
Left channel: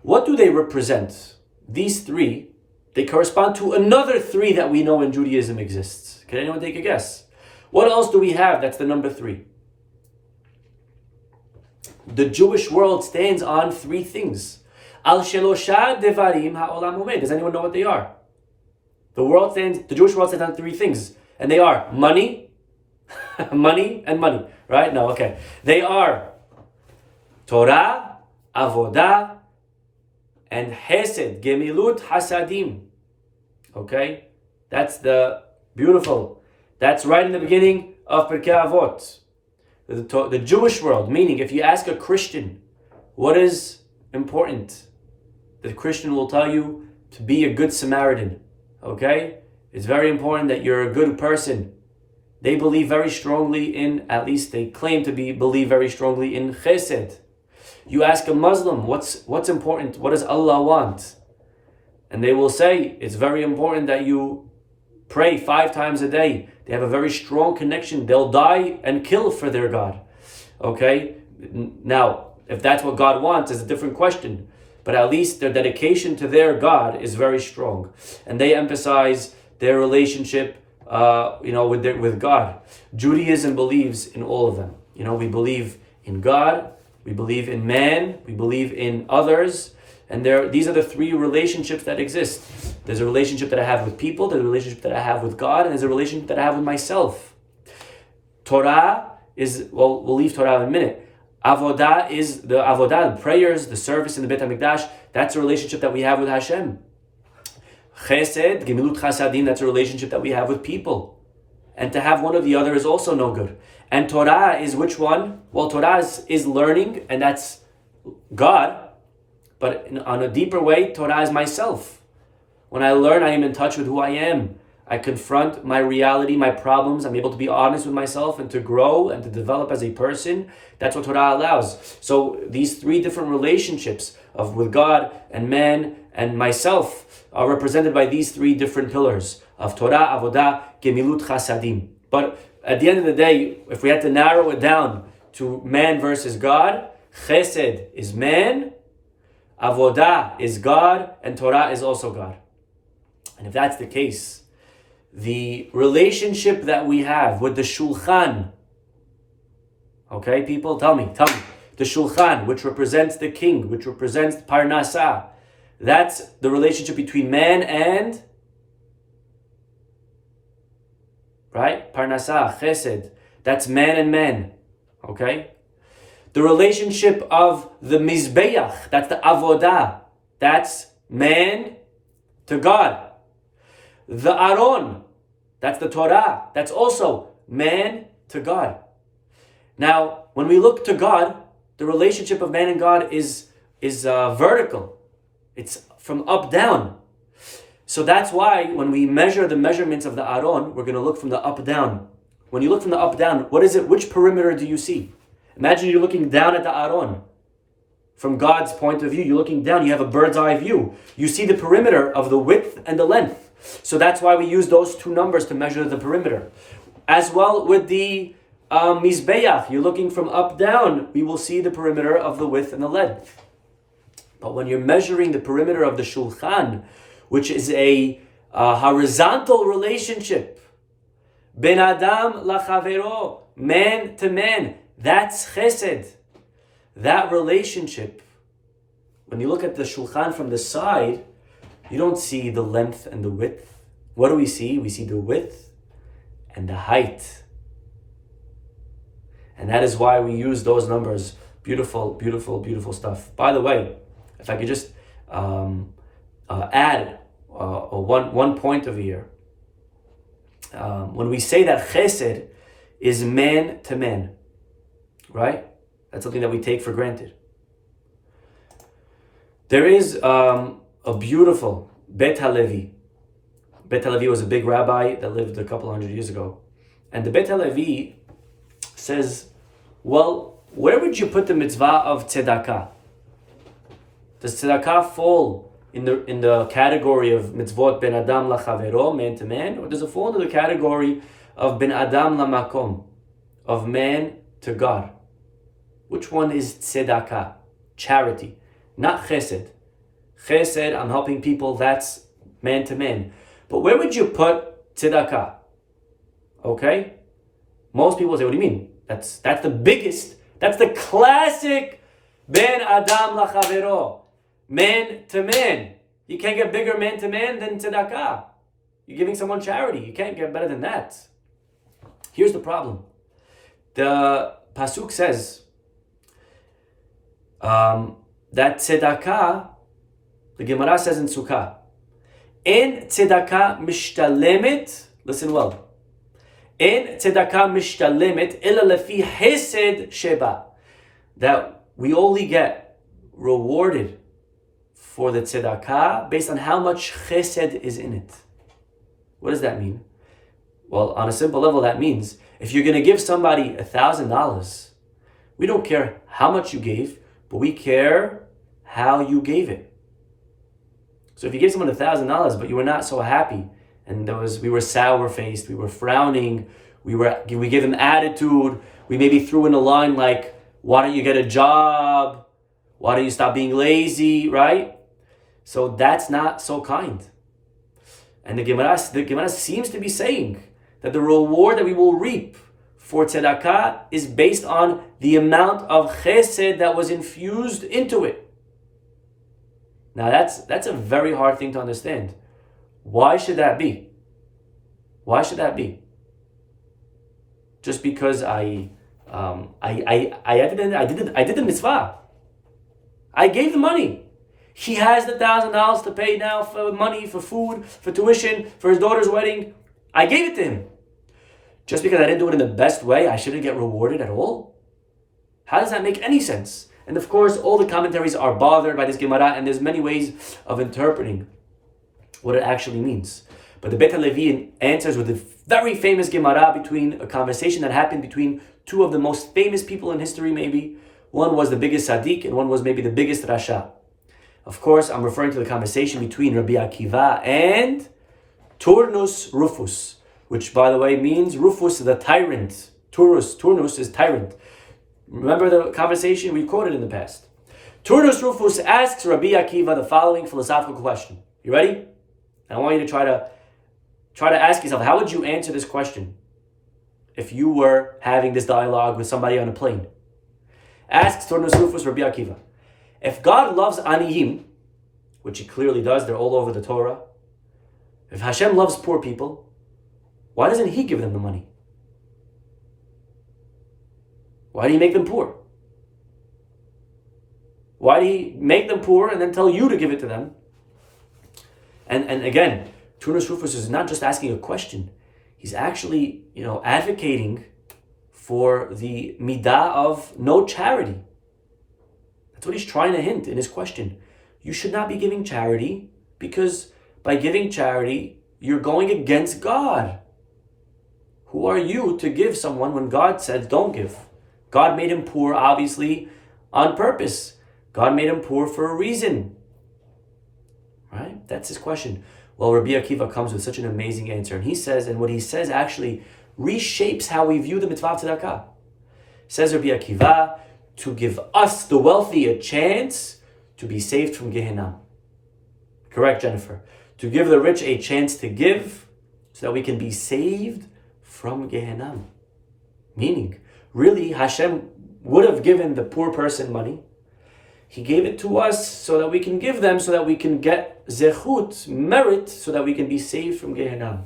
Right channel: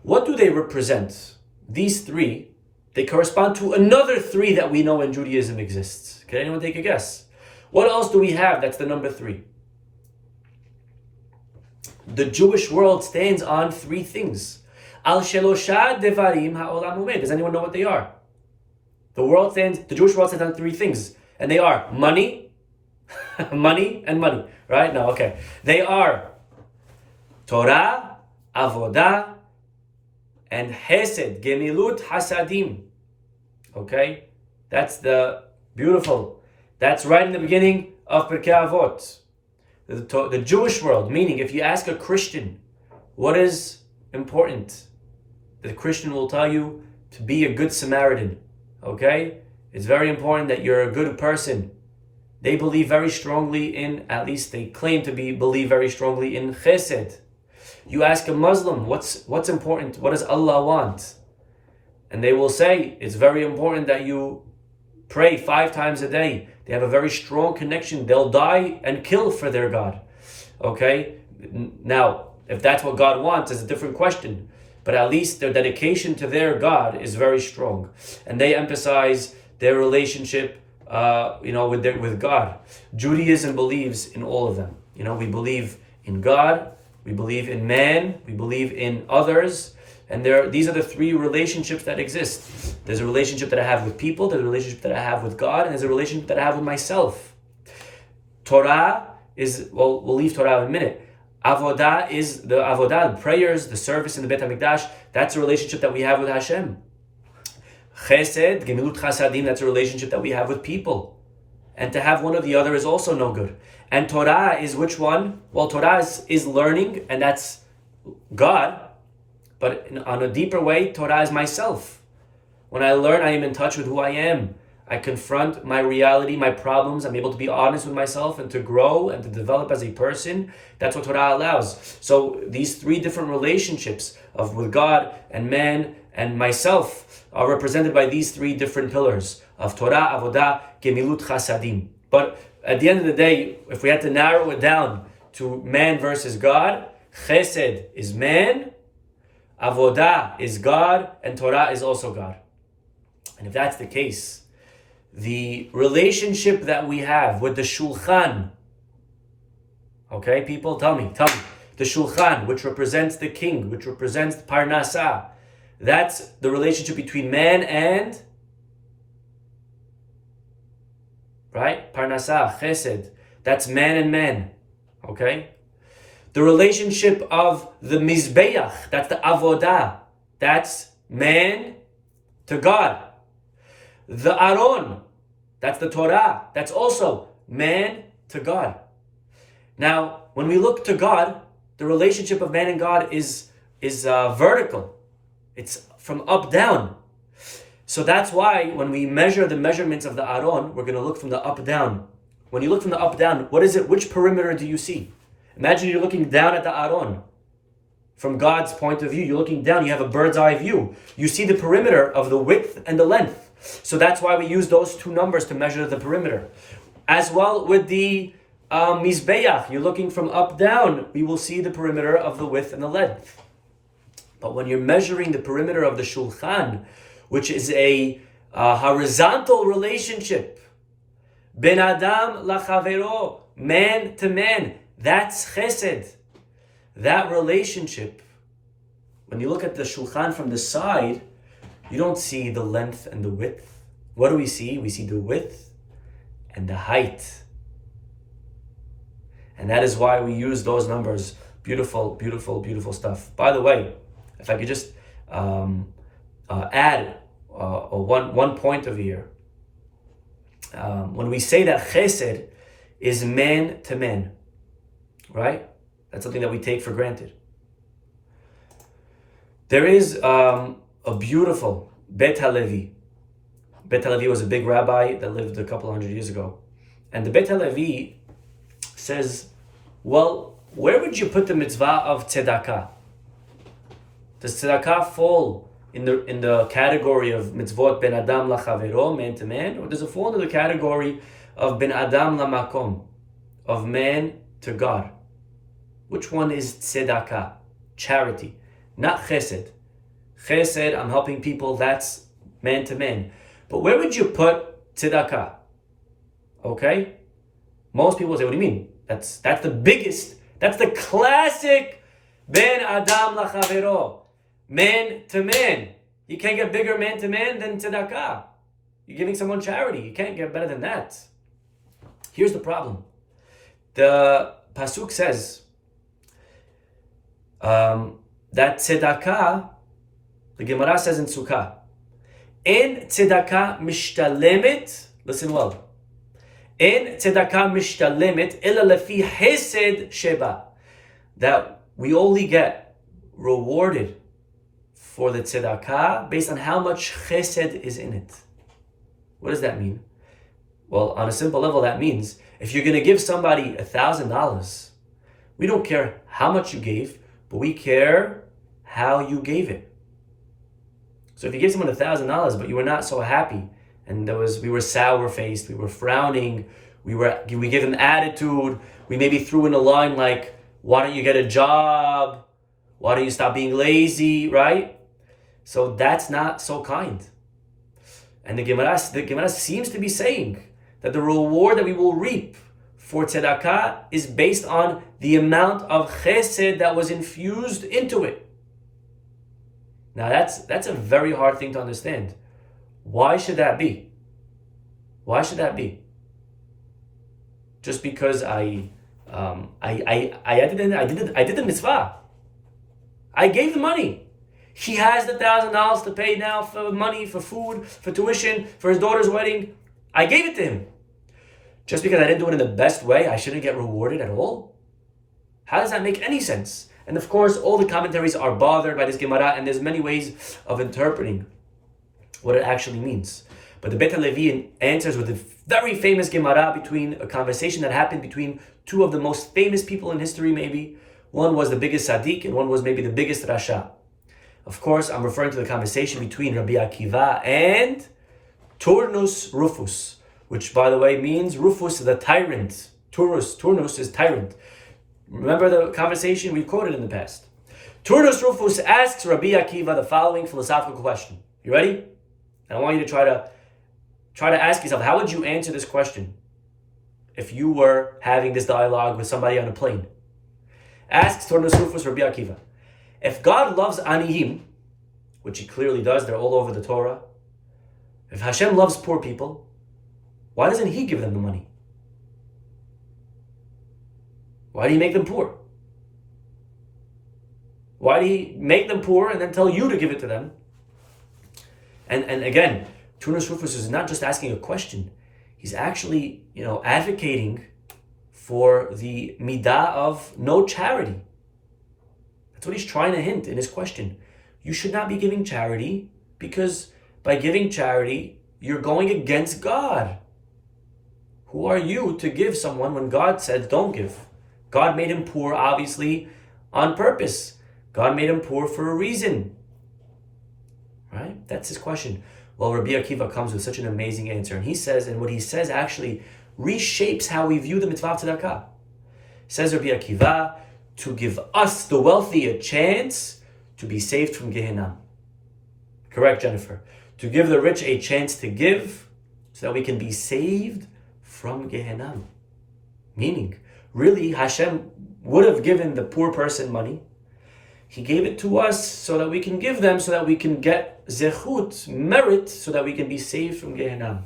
what do they represent? These three, they correspond to another three that we know in Judaism exists. Can anyone take a guess? What else do we have that's the number 3? The Jewish world stands on 3 things. Al shelosha devarim ha'olam umed. Does anyone know what they are? The Jewish world stands on 3 things, and they are money, money, and money. Right? No, okay. They are Torah, avodah, and hesed, gemilut hasadim. Okay? That's the beautiful. That's right in the beginning of Pirkei Avot. The Jewish world, meaning if you ask a Christian what is important, the Christian will tell you to be a good Samaritan. Okay? It's very important that you're a good person. They believe very strongly in, at least they claim to believe very strongly in chesed. You ask a Muslim, what's important? What does Allah want? And they will say, it's very important that you pray 5 times a day. They have a very strong connection. They'll die and kill for their God. Okay? Now, if that's what God wants, is a different question. But at least their dedication to their God is very strong. And they emphasize their relationship with God. Judaism believes in all of them. We believe in God, we believe in man, we believe in others, and these are the 3 relationships that exist. There's a relationship that I have with people, there's a relationship that I have with God, and there's a relationship that I have with myself. Torah is, we'll leave Torah in a minute. Avodah is the avodah, the prayers, the service in the Beit HaMikdash. That's a relationship that we have with Hashem. Chesed, gemilut chasadim, that's a relationship that we have with people. And to have one or the other is also no good. And Torah is which one? Well, Torah is learning, and that's God. But on a deeper way, Torah is myself. When I learn, I am in touch with who I am. I confront my reality, my problems. I'm able to be honest with myself and to grow and to develop as a person. That's what Torah allows. So these 3 different relationships with God and man and myself are represented by these 3 different pillars of Torah, Avodah, Gemilut Chasadim. But at the end of the day, if we had to narrow it down to man versus God, Chesed is man, Avodah is God, and Torah is also God. And if that's the case, the relationship that we have with the Shulchan, okay, people, tell me, the Shulchan, which represents the king, which represents Parnasah, that's the relationship between man and, right, Parnasah, Chesed, that's man and man, okay? The relationship of the Mizbeach, that's the Avodah, that's man to God. The Aron, that's the Torah, that's also man to God. Now, when we look to God, the relationship of man and God is vertical. It's from up down. So that's why when we measure the measurements of the Aron, we're going to look from the up down. When you look from the up down, what is it? Which perimeter do you see? Imagine you're looking down at the Aron. From God's point of view, you're looking down, you have a bird's eye view. You see the perimeter of the width and the length. So that's why we use those two numbers to measure the perimeter. As well with the Mizbeach, you're looking from up down, we will see the perimeter of the width and the length. But when you're measuring the perimeter of the Shulchan, which is a horizontal relationship, Ben Adam lachavero, man to man, that's chesed. That relationship, when you look at the Shulchan from the side, you don't see the length and the width. What do we see? We see the width and the height. And that is why we use those numbers. Beautiful, beautiful, beautiful stuff. By the way, if I could just add one point over here. When we say that chesed is man to man, right? That's something that we take for granted. There is a beautiful Bet HaLevi. Bet HaLevi was a big rabbi that lived a couple hundred years ago. And the Bet HaLevi says, well, where would you put the mitzvah of tzedakah? Does tzedakah fall in the category of mitzvot ben adam lachavero, man to man, or does it fall into the category of ben adam lamakom, of man to God? Which one is tzedakah? Charity, not chesed. Chesed, I'm helping people, that's man to man. But where would you put tzedakah? Okay? Most people say, what do you mean? That's the biggest, that's the classic ben adam lachavero, man to man. You can't get bigger man to man than tzedakah. You're giving someone charity. You can't get better than that. Here's the problem. The pasuk says that tzedakah, the Gemara says in Sukkah, en tzedakah mishtalemet, listen well, en tzedakah mishtalemet ela lefi hesed sheba, that we only get rewarded for the tzedakah based on how much chesed is in it. What does that mean? Well, on a simple level, that means if you're going to give somebody $1,000, we don't care how much you gave, but we care how you gave it. So if you gave someone $1,000, but you were not so happy, and we were sour-faced, we were frowning, we gave them attitude, we maybe threw in a line like, why don't you get a job? Why don't you stop being lazy, right? So that's not so kind. And the Gemara seems to be saying that the reward that we will reap for tzedakah is based on the amount of chesed that was infused into it. Now that's a very hard thing to understand. Why should that be? Why should that be? Just because I did the mitzvah. I gave the money. He has the $1,000 to pay now for money, for food, for tuition, for his daughter's wedding. I gave it to him. Just because I didn't do it in the best way, I shouldn't get rewarded at all? How does that make any sense? And of course, all the commentaries are bothered by this Gemara, and there's many ways of interpreting what it actually means. But the Bet HaLevi answers with a very famous Gemara between a conversation that happened between two of the most famous people in history, maybe. One was the biggest Sadiq, and one was maybe the biggest Rasha. Of course, I'm referring to the conversation between Rabbi Akiva and Turnus Rufus, which, by the way, means Rufus the tyrant. Turnus is tyrant. Remember the conversation we quoted in the past. Turnus Rufus asks Rabbi Akiva the following philosophical question. You ready? And I want you to try to ask yourself, how would you answer this question if you were having this dialogue with somebody on a plane? Asks Turnus Rufus Rabbi Akiva, if God loves Aniyim, which he clearly does, they're all over the Torah, if Hashem loves poor people, why doesn't he give them the money? Why do you make them poor? Why do he make them poor and then tell you to give it to them? And again, Turnus Rufus is not just asking a question. He's actually, advocating for the midah of no charity. That's what he's trying to hint in his question. You should not be giving charity because by giving charity, you're going against God. Who are you to give someone when God said don't give? God made him poor, obviously, on purpose. God made him poor for a reason. Right? That's his question. Well, Rabbi Akiva comes with such an amazing answer. And he says, and what he says actually reshapes how we view the mitzvah of tzedakah. Says Rabbi Akiva, to give us, the wealthy, a chance to be saved from Gehenna. Correct, Jennifer. To give the rich a chance to give so that we can be saved from Gehenna. Meaning, really, Hashem would have given the poor person money. He gave it to us so that we can give them, so that we can get zechut, merit, so that we can be saved from Gehenna.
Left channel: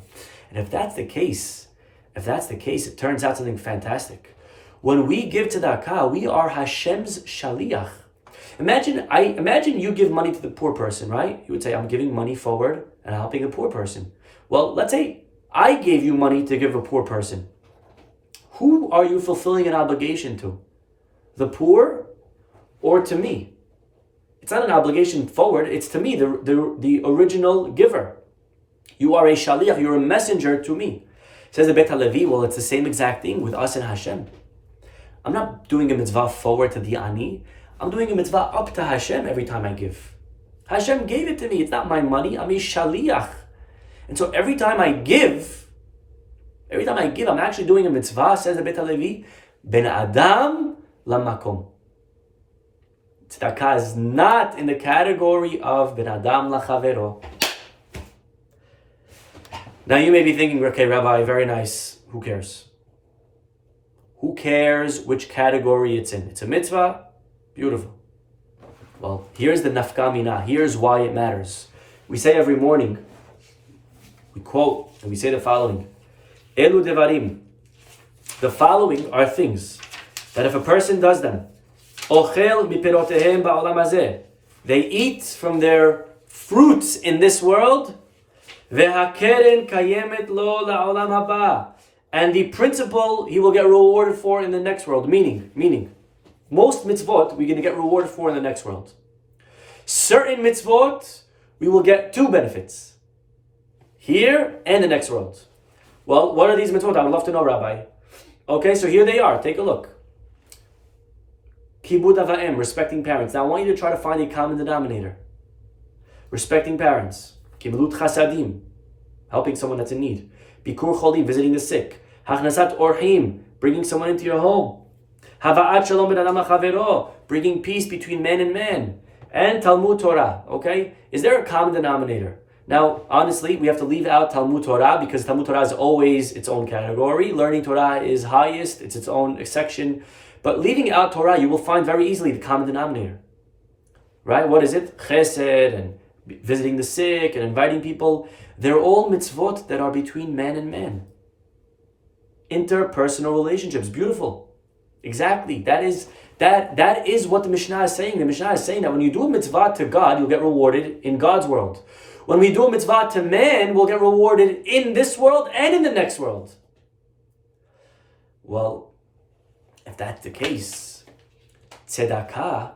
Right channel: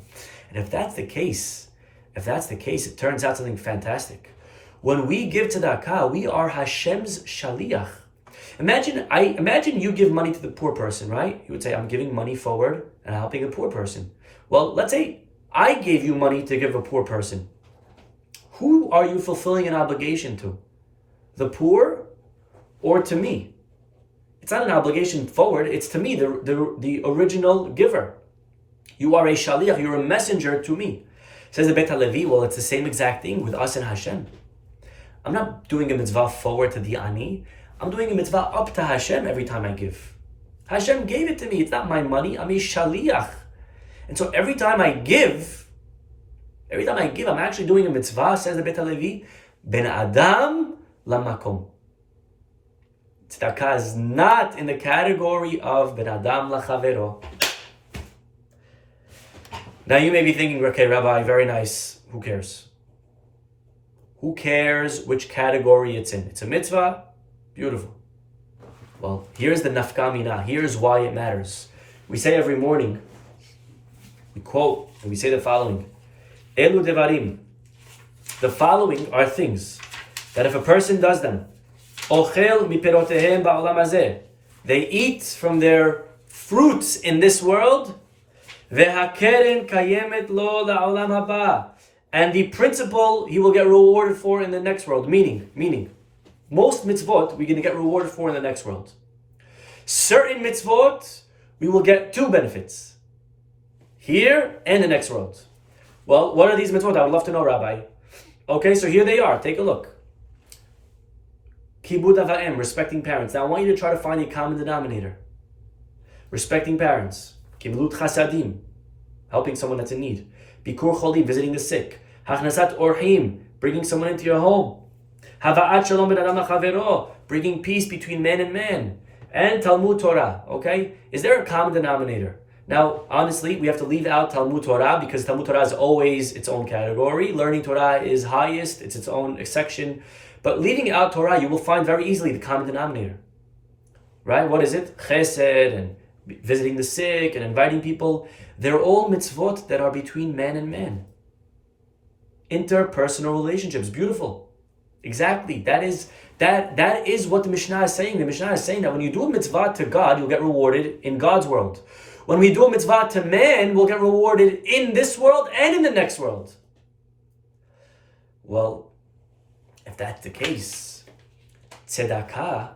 And if that's the case, it turns out something fantastic. When we give tzedakah, we are Hashem's shaliach. Imagine you give money to the poor person, right? You would say, I'm giving money forward and helping a poor person. Well, let's say I gave you money to give a poor person. Who are you fulfilling an obligation to? The poor or to me? It's not an obligation forward, it's to me, the original giver. You are a shaliach, you're a messenger to me. Says the Beit HaLevi, well, it's the same exact thing with us and Hashem. I'm not doing a mitzvah forward to the ani, I'm doing a mitzvah up to Hashem every time I give. Hashem gave it to me, it's not my money, I'm a shaliach. And so every time I give, I'm actually doing a mitzvah, says the Beit HaLevi, ben adam lamakom. Tzedakah is not in the category of ben adam lachavero. Now you may be thinking, okay, Rabbi, very nice. Who cares? Who cares which category it's in? It's a mitzvah? Beautiful. Well, here's the nafka mina. Here's why it matters. We say every morning, we quote, and we say the following. Elu devarim. The following are things that if a person does them, ochel mipirotehem ba'olam hazeh, they eat from their fruits in this world, vehakeren kayemet lo la'olam haba, and the principle he will get rewarded for in the next world. Meaning, most mitzvot we're going to get rewarded for in the next world. Certain mitzvot we will get two benefits, here and the next world. Well, what are these mitzvot? I would love to know, Rabbi. Okay, so here they are. Take a look. Kibud ava'im, respecting parents. Now I want you to try to find a common denominator. Respecting parents. Kimilut chasadim, helping someone that's in need. Bikur cholim, visiting the sick. Hachnasat orchim, bringing someone into your home. Hava'at shalom ben adam lachavero, bringing peace between man and man. And Talmud Torah, okay? Is there a common denominator? Now, honestly, we have to leave out Talmud Torah because Talmud Torah is always its own category. Learning Torah is highest, it's its own section. But leaving out Torah, you will find very easily the common denominator. Right? What is it? Chesed and visiting the sick and inviting people. They're all mitzvot that are between man and man. Interpersonal relationships. Beautiful. Exactly. That is what the Mishnah is saying. The Mishnah is saying that when you do a mitzvah to God, you'll get rewarded in God's world. When we do a mitzvah to man, we'll get rewarded in this world and in the next world. Well, if that's the case, tzedakah,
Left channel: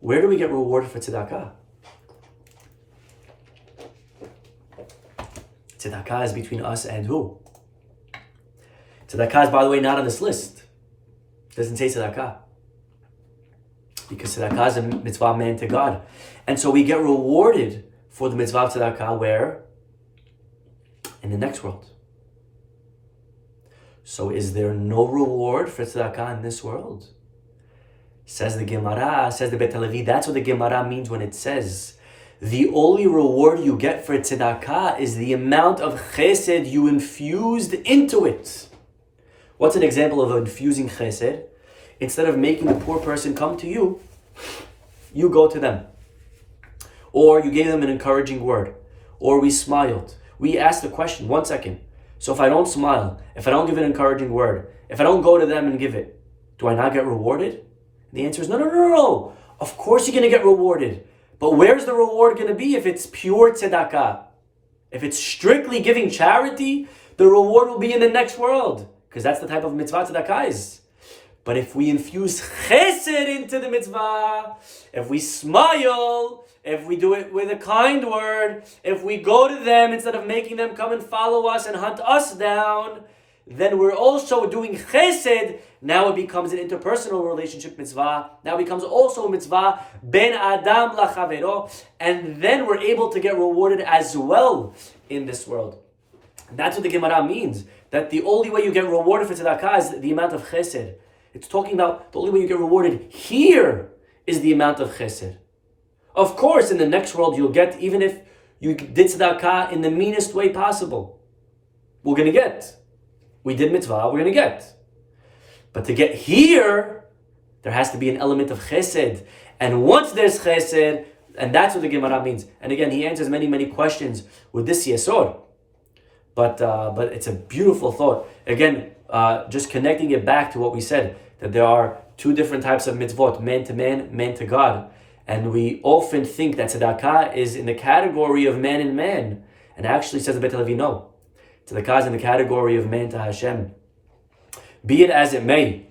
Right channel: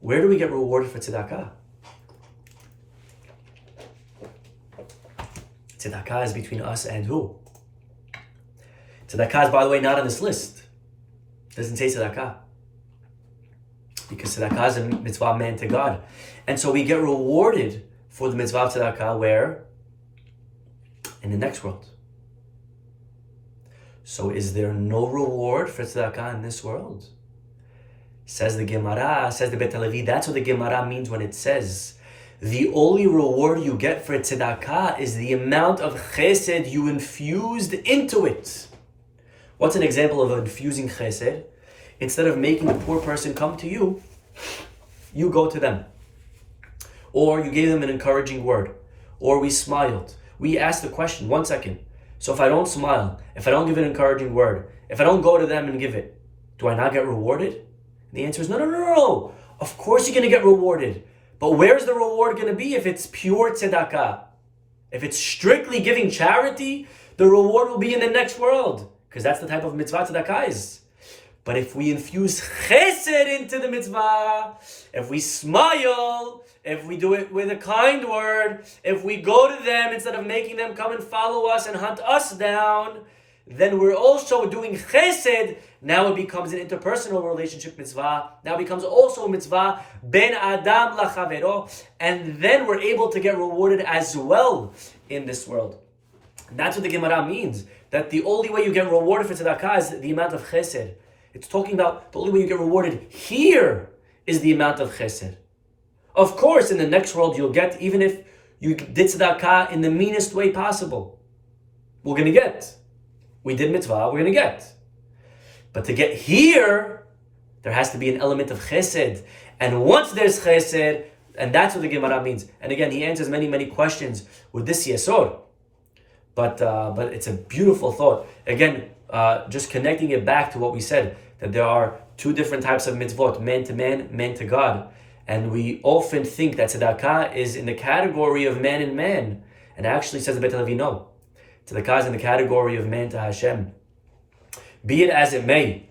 where do we get rewarded for tzedakah? Tzedakah is between us and who? Tzedakah is, by the way, not on this list. It doesn't say tzedakah. Because tzedakah is a mitzvah man to God. And so we get rewarded for the mitzvah of tzedakah where? In the next world. So is there no reward for tzedakah in this world? Says the Gemara, says the Beit HaLevi, that's what the Gemara means when it says, the only reward you get for tzedakah is the amount of chesed you infused into it. What's an example of infusing chesed? Instead of making the poor person come to you, you go to them. Or you gave them an encouraging word. Or we smiled. We asked the question, 1 second. So if I don't smile, if I don't give an encouraging word, if I don't go to them and give it, do I not get rewarded? And the answer is no. Of course you're going to get rewarded. But where's the reward going to be if it's pure tzedakah? If it's strictly giving charity, the reward will be in the next world. Because that's the type of mitzvah tzedakah is. But if we infuse chesed into the mitzvah, if we smile, if we do it with a kind word, if we go to them instead of making them come and follow us and hunt us down, then we're also doing chesed Now it becomes an interpersonal relationship mitzvah. Now it becomes also a mitzvah ben adam lachavero, and then we're able to get rewarded as well in this world. And that's what the Gemara means, that the only way you get rewarded for tzedakah is the amount of chesed. It's talking about the only way you get rewarded here is the amount of chesed. Of course, in the next world you'll get, even if you did tzedakah in the meanest way possible, we're going to get. We did mitzvah, we're going to get. But to get here, there has to be an element of chesed. And once there's chesed, and that's what the Gemara means. And again, he answers many, many questions with this yesod. But it's a beautiful thought. Again, just connecting it back to what we said, that there are two different types of mitzvot, man to man to God. And we often think that tzedakah is in the category of man and man. And actually says the Beit HaLevi, no. Tzedakah is in the category of man to Hashem. Be it as it may,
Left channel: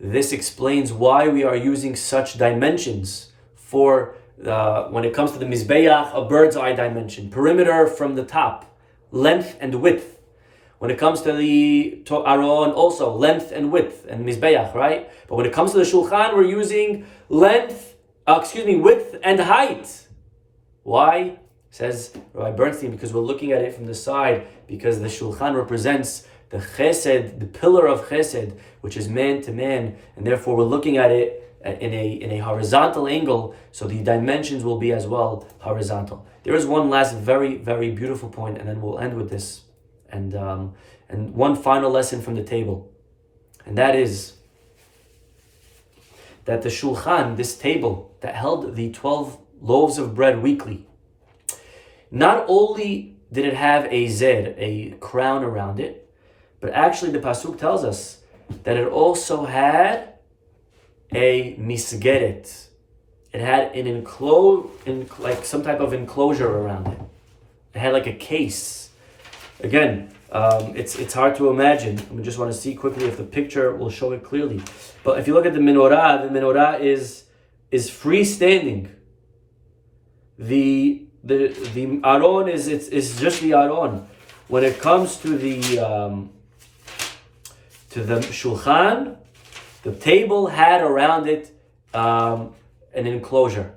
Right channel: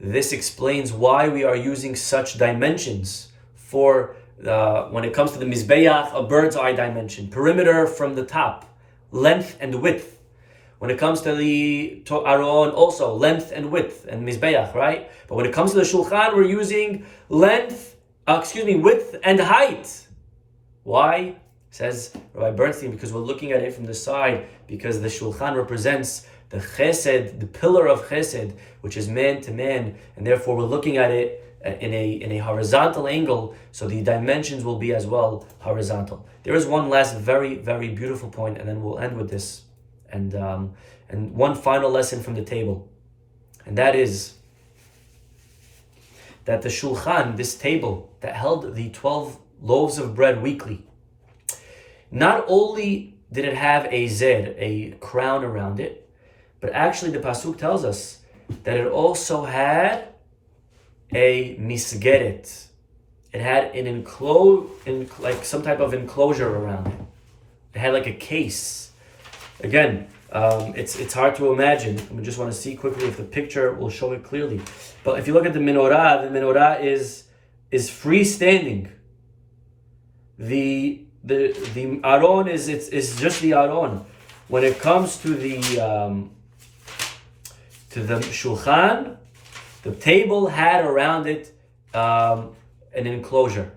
this explains why we are using such dimensions for when it comes to the mizbeach, a bird's eye dimension, perimeter from the top, length and width. When it comes to the aron, also length and width and mizbeach, right? But when it comes to the shulchan, we're using width and height. Why? Says Rabbi Bernstein, because we're looking at it from the side, because the shulchan represents the chesed, the pillar of chesed, which is man to man, and therefore we're looking at it in a horizontal angle, so the dimensions will be as well horizontal. There is one last very, very beautiful point, and then we'll end with this, and one final lesson from the table, and that is that the shulchan, this table that held the 12 loaves of bread weekly, not only did it have a zed, a crown around it, but actually the pasuk tells us that it also had a misgeret. It had an like some type of enclosure around it. It had like a case. Again, it's hard to imagine. We just want to see quickly if the picture will show it clearly. But if you look at the menorah is freestanding. The aron is just the aron. When it comes to the shulchan, the table had around it an enclosure,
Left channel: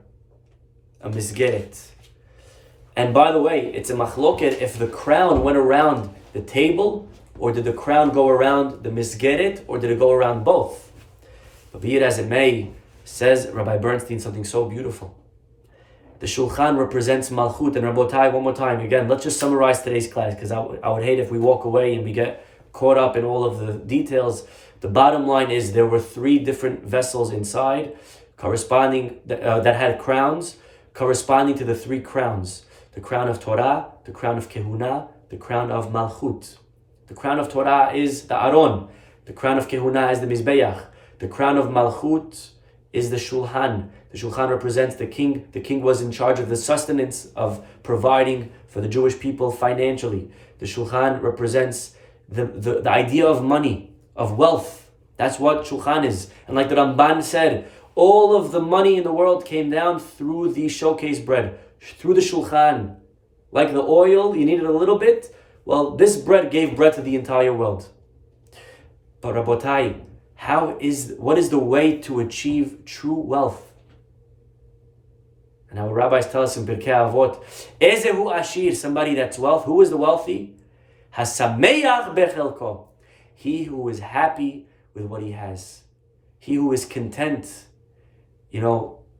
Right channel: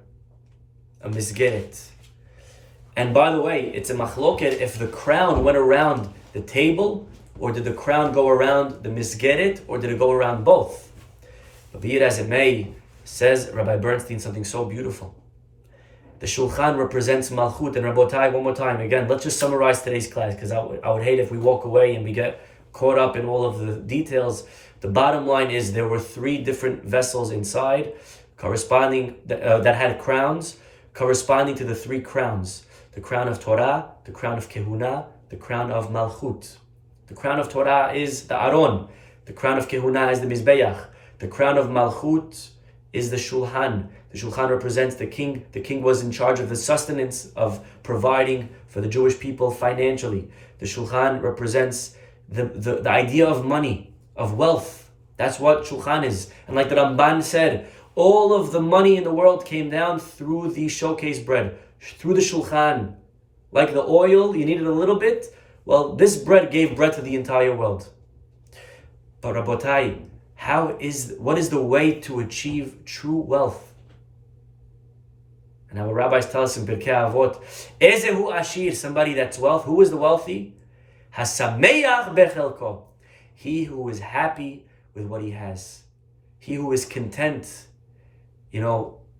a misgeret. And by the way, it's a machloket if the crown went around the table, or did the crown go around the misgeret, or did it go around both? But be it as it may, says Rabbi Bernstein something so beautiful. The shulchan represents malchut, and Rabotai, one more time, again, let's just summarize today's class, because I would hate if we walk away and we get caught up in all of the details. The bottom line is there were 3 different vessels inside, corresponding that had crowns, corresponding to the 3 crowns: the crown of Torah, the crown of Kehuna, the crown of Malchut. The crown of Torah is the Aron, the crown of Kehuna is the Mizbeach, the crown of Malchut is the Shulhan. The Shulhan represents the king. The king was in charge of the sustenance, of providing for the Jewish people financially. The Shulchan represents the idea of money, of wealth. That's what Shulchan is. And like the Ramban said, all of the money in the world came down through the showcase bread, through the Shulchan. Like the oil, you needed a little bit. Well, this bread gave bread to the entire world. But Rabotai, what is the way to achieve true wealth? And our rabbis tell us in Pirkei Avot, Ezehu Ashir, somebody that's wealth. Who is the wealthy? Hasameach bechelko. He who is happy with what he has. He who is content. A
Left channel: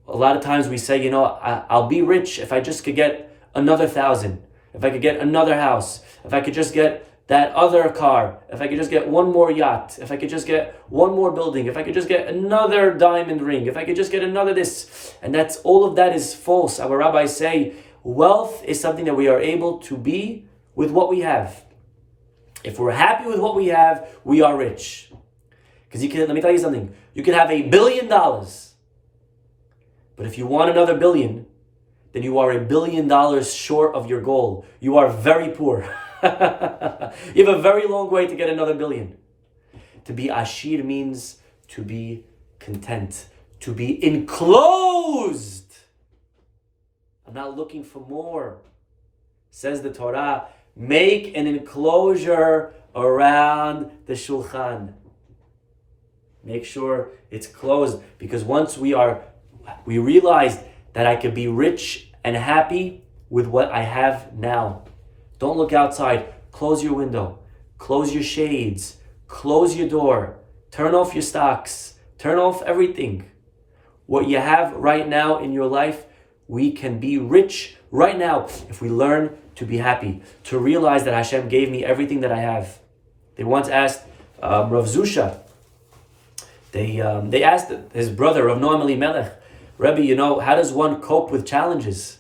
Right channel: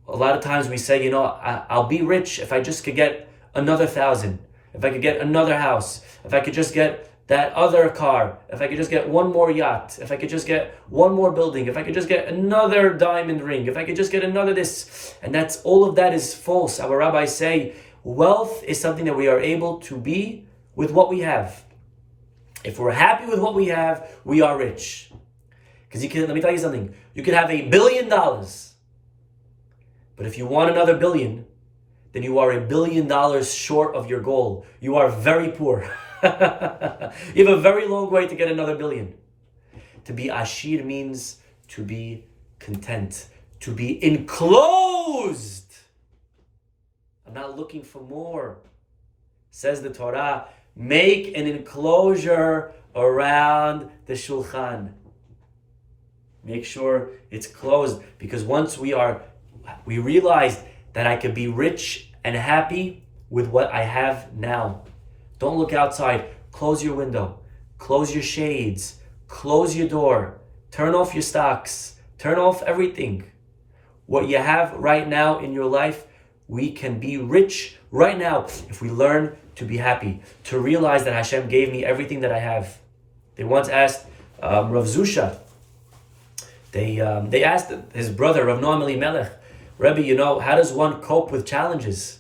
lot of times we say, I'll be rich if I just could get another 1,000. If I could get another house. If I could just get that other car. If I could just get one more yacht. If I could just get one more building. If I could just get another diamond ring. If I could just get another this. And all of that is false. Our rabbis say, wealth is something that we are able to be with what we have. If we're happy with what we have, we are rich. Because let me tell you something. You could have $1 billion. But if you want another billion, then you are $1 billion short of your goal. You are very poor. You have a very long way to get another billion. To be ashir means to be content, to be enclosed. I'm not looking for more. Says the Torah, Make an enclosure around the shulchan. Make sure it's closed, because once we realize that I could be rich and happy with what I have now. Don't look outside. Close your window. Close your shades. Close your door. Turn off your stocks. Turn off everything. What you have right now in your life, we can be rich right now if we learn to be happy, to realize that Hashem gave me everything that I have. They once asked Rav Zusha, they asked his brother, Rav Noam Elimelech, Rebbe, how does one cope with challenges?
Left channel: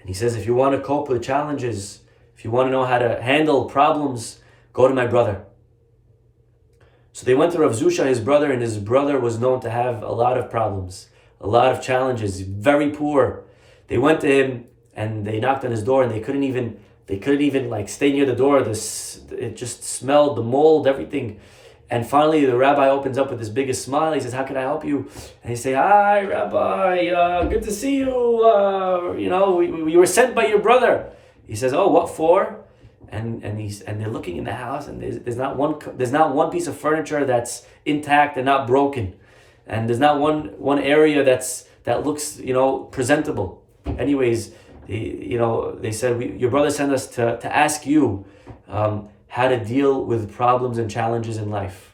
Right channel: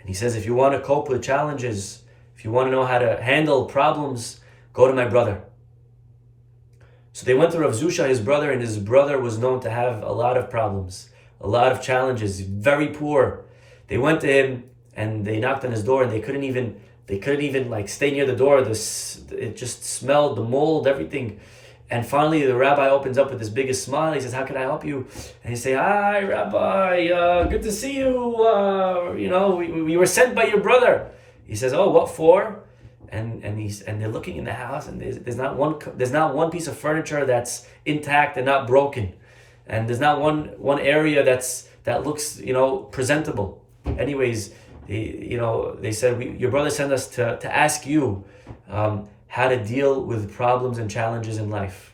And he says, if you want to cope with challenges, if you want to know how to handle problems, go to my brother. So they went to Rav Zusha, his brother, and his brother was known to have a lot of problems, a lot of challenges, very poor. They went to him and they knocked on his door, and they couldn't even stay near the door. It just smelled, the mold, everything. And finally, the rabbi opens up with his biggest smile. He says, "How can I help you?" And he say, "Hi, Rabbi. Good to see you. We were sent by your brother." He says, "Oh, what for?" And they're looking in the house, and there's not one piece of furniture that's intact and not broken, and there's not one area that looks presentable. Anyways, they said, your brother sent us to ask you how to deal with problems and challenges in life.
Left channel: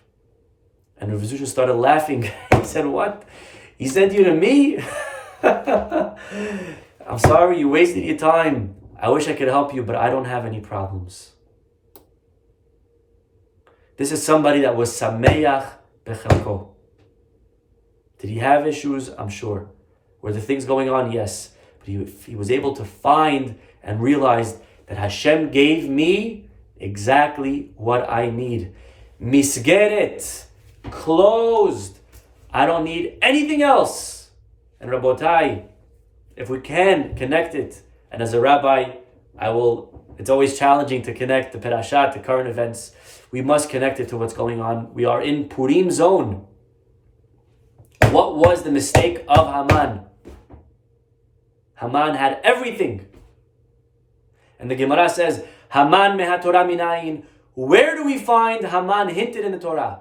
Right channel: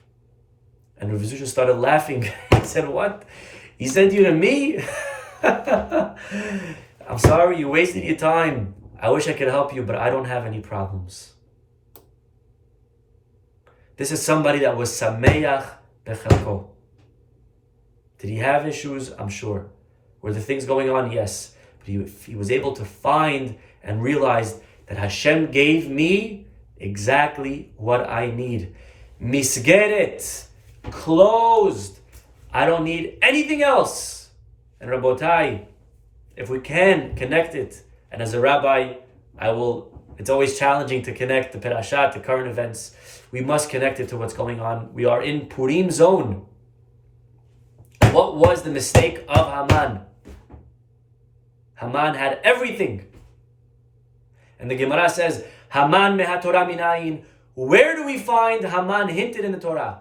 And Rav Zusha started laughing. He said, "What? He sent you to me? I'm sorry, you wasted your time. I wish I could help you, but I don't have any problems." This is somebody that was sameach bechelko. Did he have issues? I'm sure. Were there things going on? Yes. But he was able to find and realize that Hashem gave me exactly what I need. Misgeret, closed. I don't need anything else. And Rabotai, if we can connect it, and as a rabbi, it's always challenging to connect the Perashat, the current events. We must connect it to what's going on. We are in Purim zone. What was the mistake of Haman? Haman had everything. And the Gemara says, Haman mehatorah minayin. Where do we find Haman hinted in the Torah?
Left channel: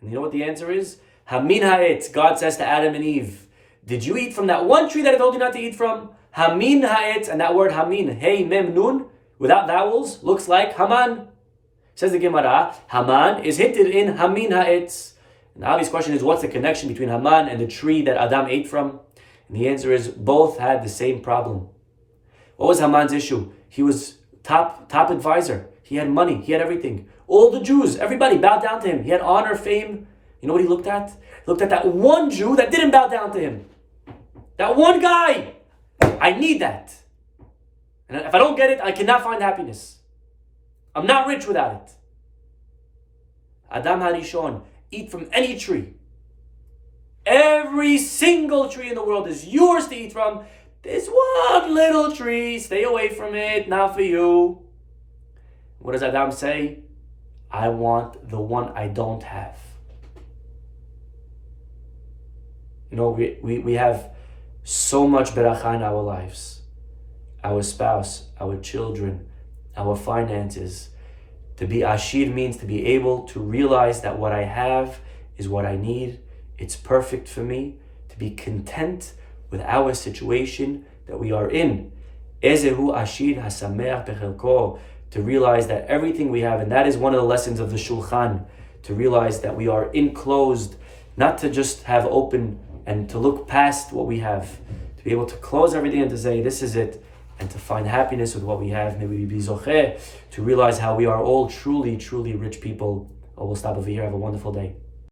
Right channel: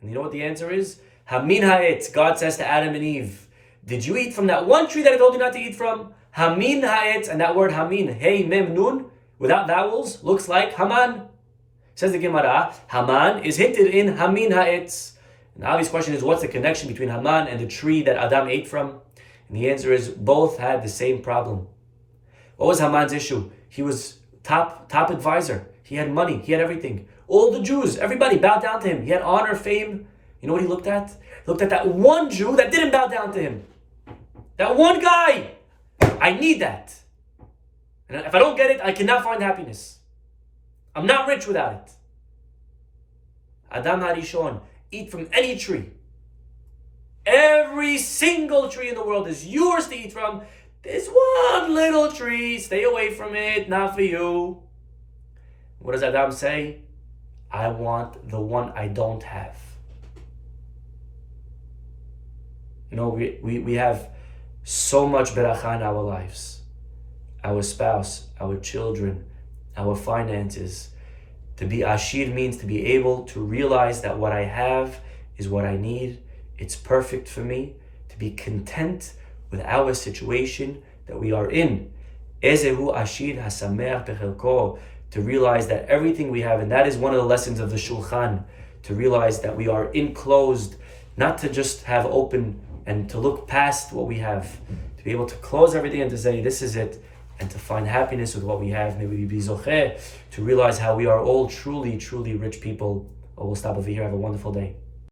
And you know what the answer is? Hamin ha'etz. God says to Adam and Eve, did you eat from that one tree that I told you not to eat from? Hamin ha'etz, and that word Hamin, hey, mem, nun, without vowels, looks like Haman. Says the Gemara, Haman is hinted in Hamin ha'etz. And the obvious question is, what's the connection between Haman and the tree that Adam ate from? And the answer is, both had the same problem. What was Haman's issue? He was top advisor. He had money. He had everything. All the Jews, everybody bowed down to him. He had honor, fame. You know what he looked at? He looked at that one Jew that didn't bow down to him. That one guy. I need that. And if I don't get it, I cannot find happiness. I'm not rich without it. Adam Harishon, eat from any tree. Every single tree in the world is yours to eat from. There's one little tree. Stay away from it. Not for you. What does Adam say? I want the one I don't have. We have so much beracha in our lives. Our spouse, our children, our finances. To be ashir means to be able to realize that what I have is what I need. It's perfect for me. To be content with our situation that we are in. Ezehu ashir hasameach bechelko. To realize that everything we have, and that is one of the lessons of the Shulchan, to realize that we are enclosed, not to just have open and to look past what we have, to be able to close everything and to say, this is it, and to find happiness with what we have. May we be zocheh to realize how we are all truly, truly rich people. We'll stop over here. Have a wonderful day.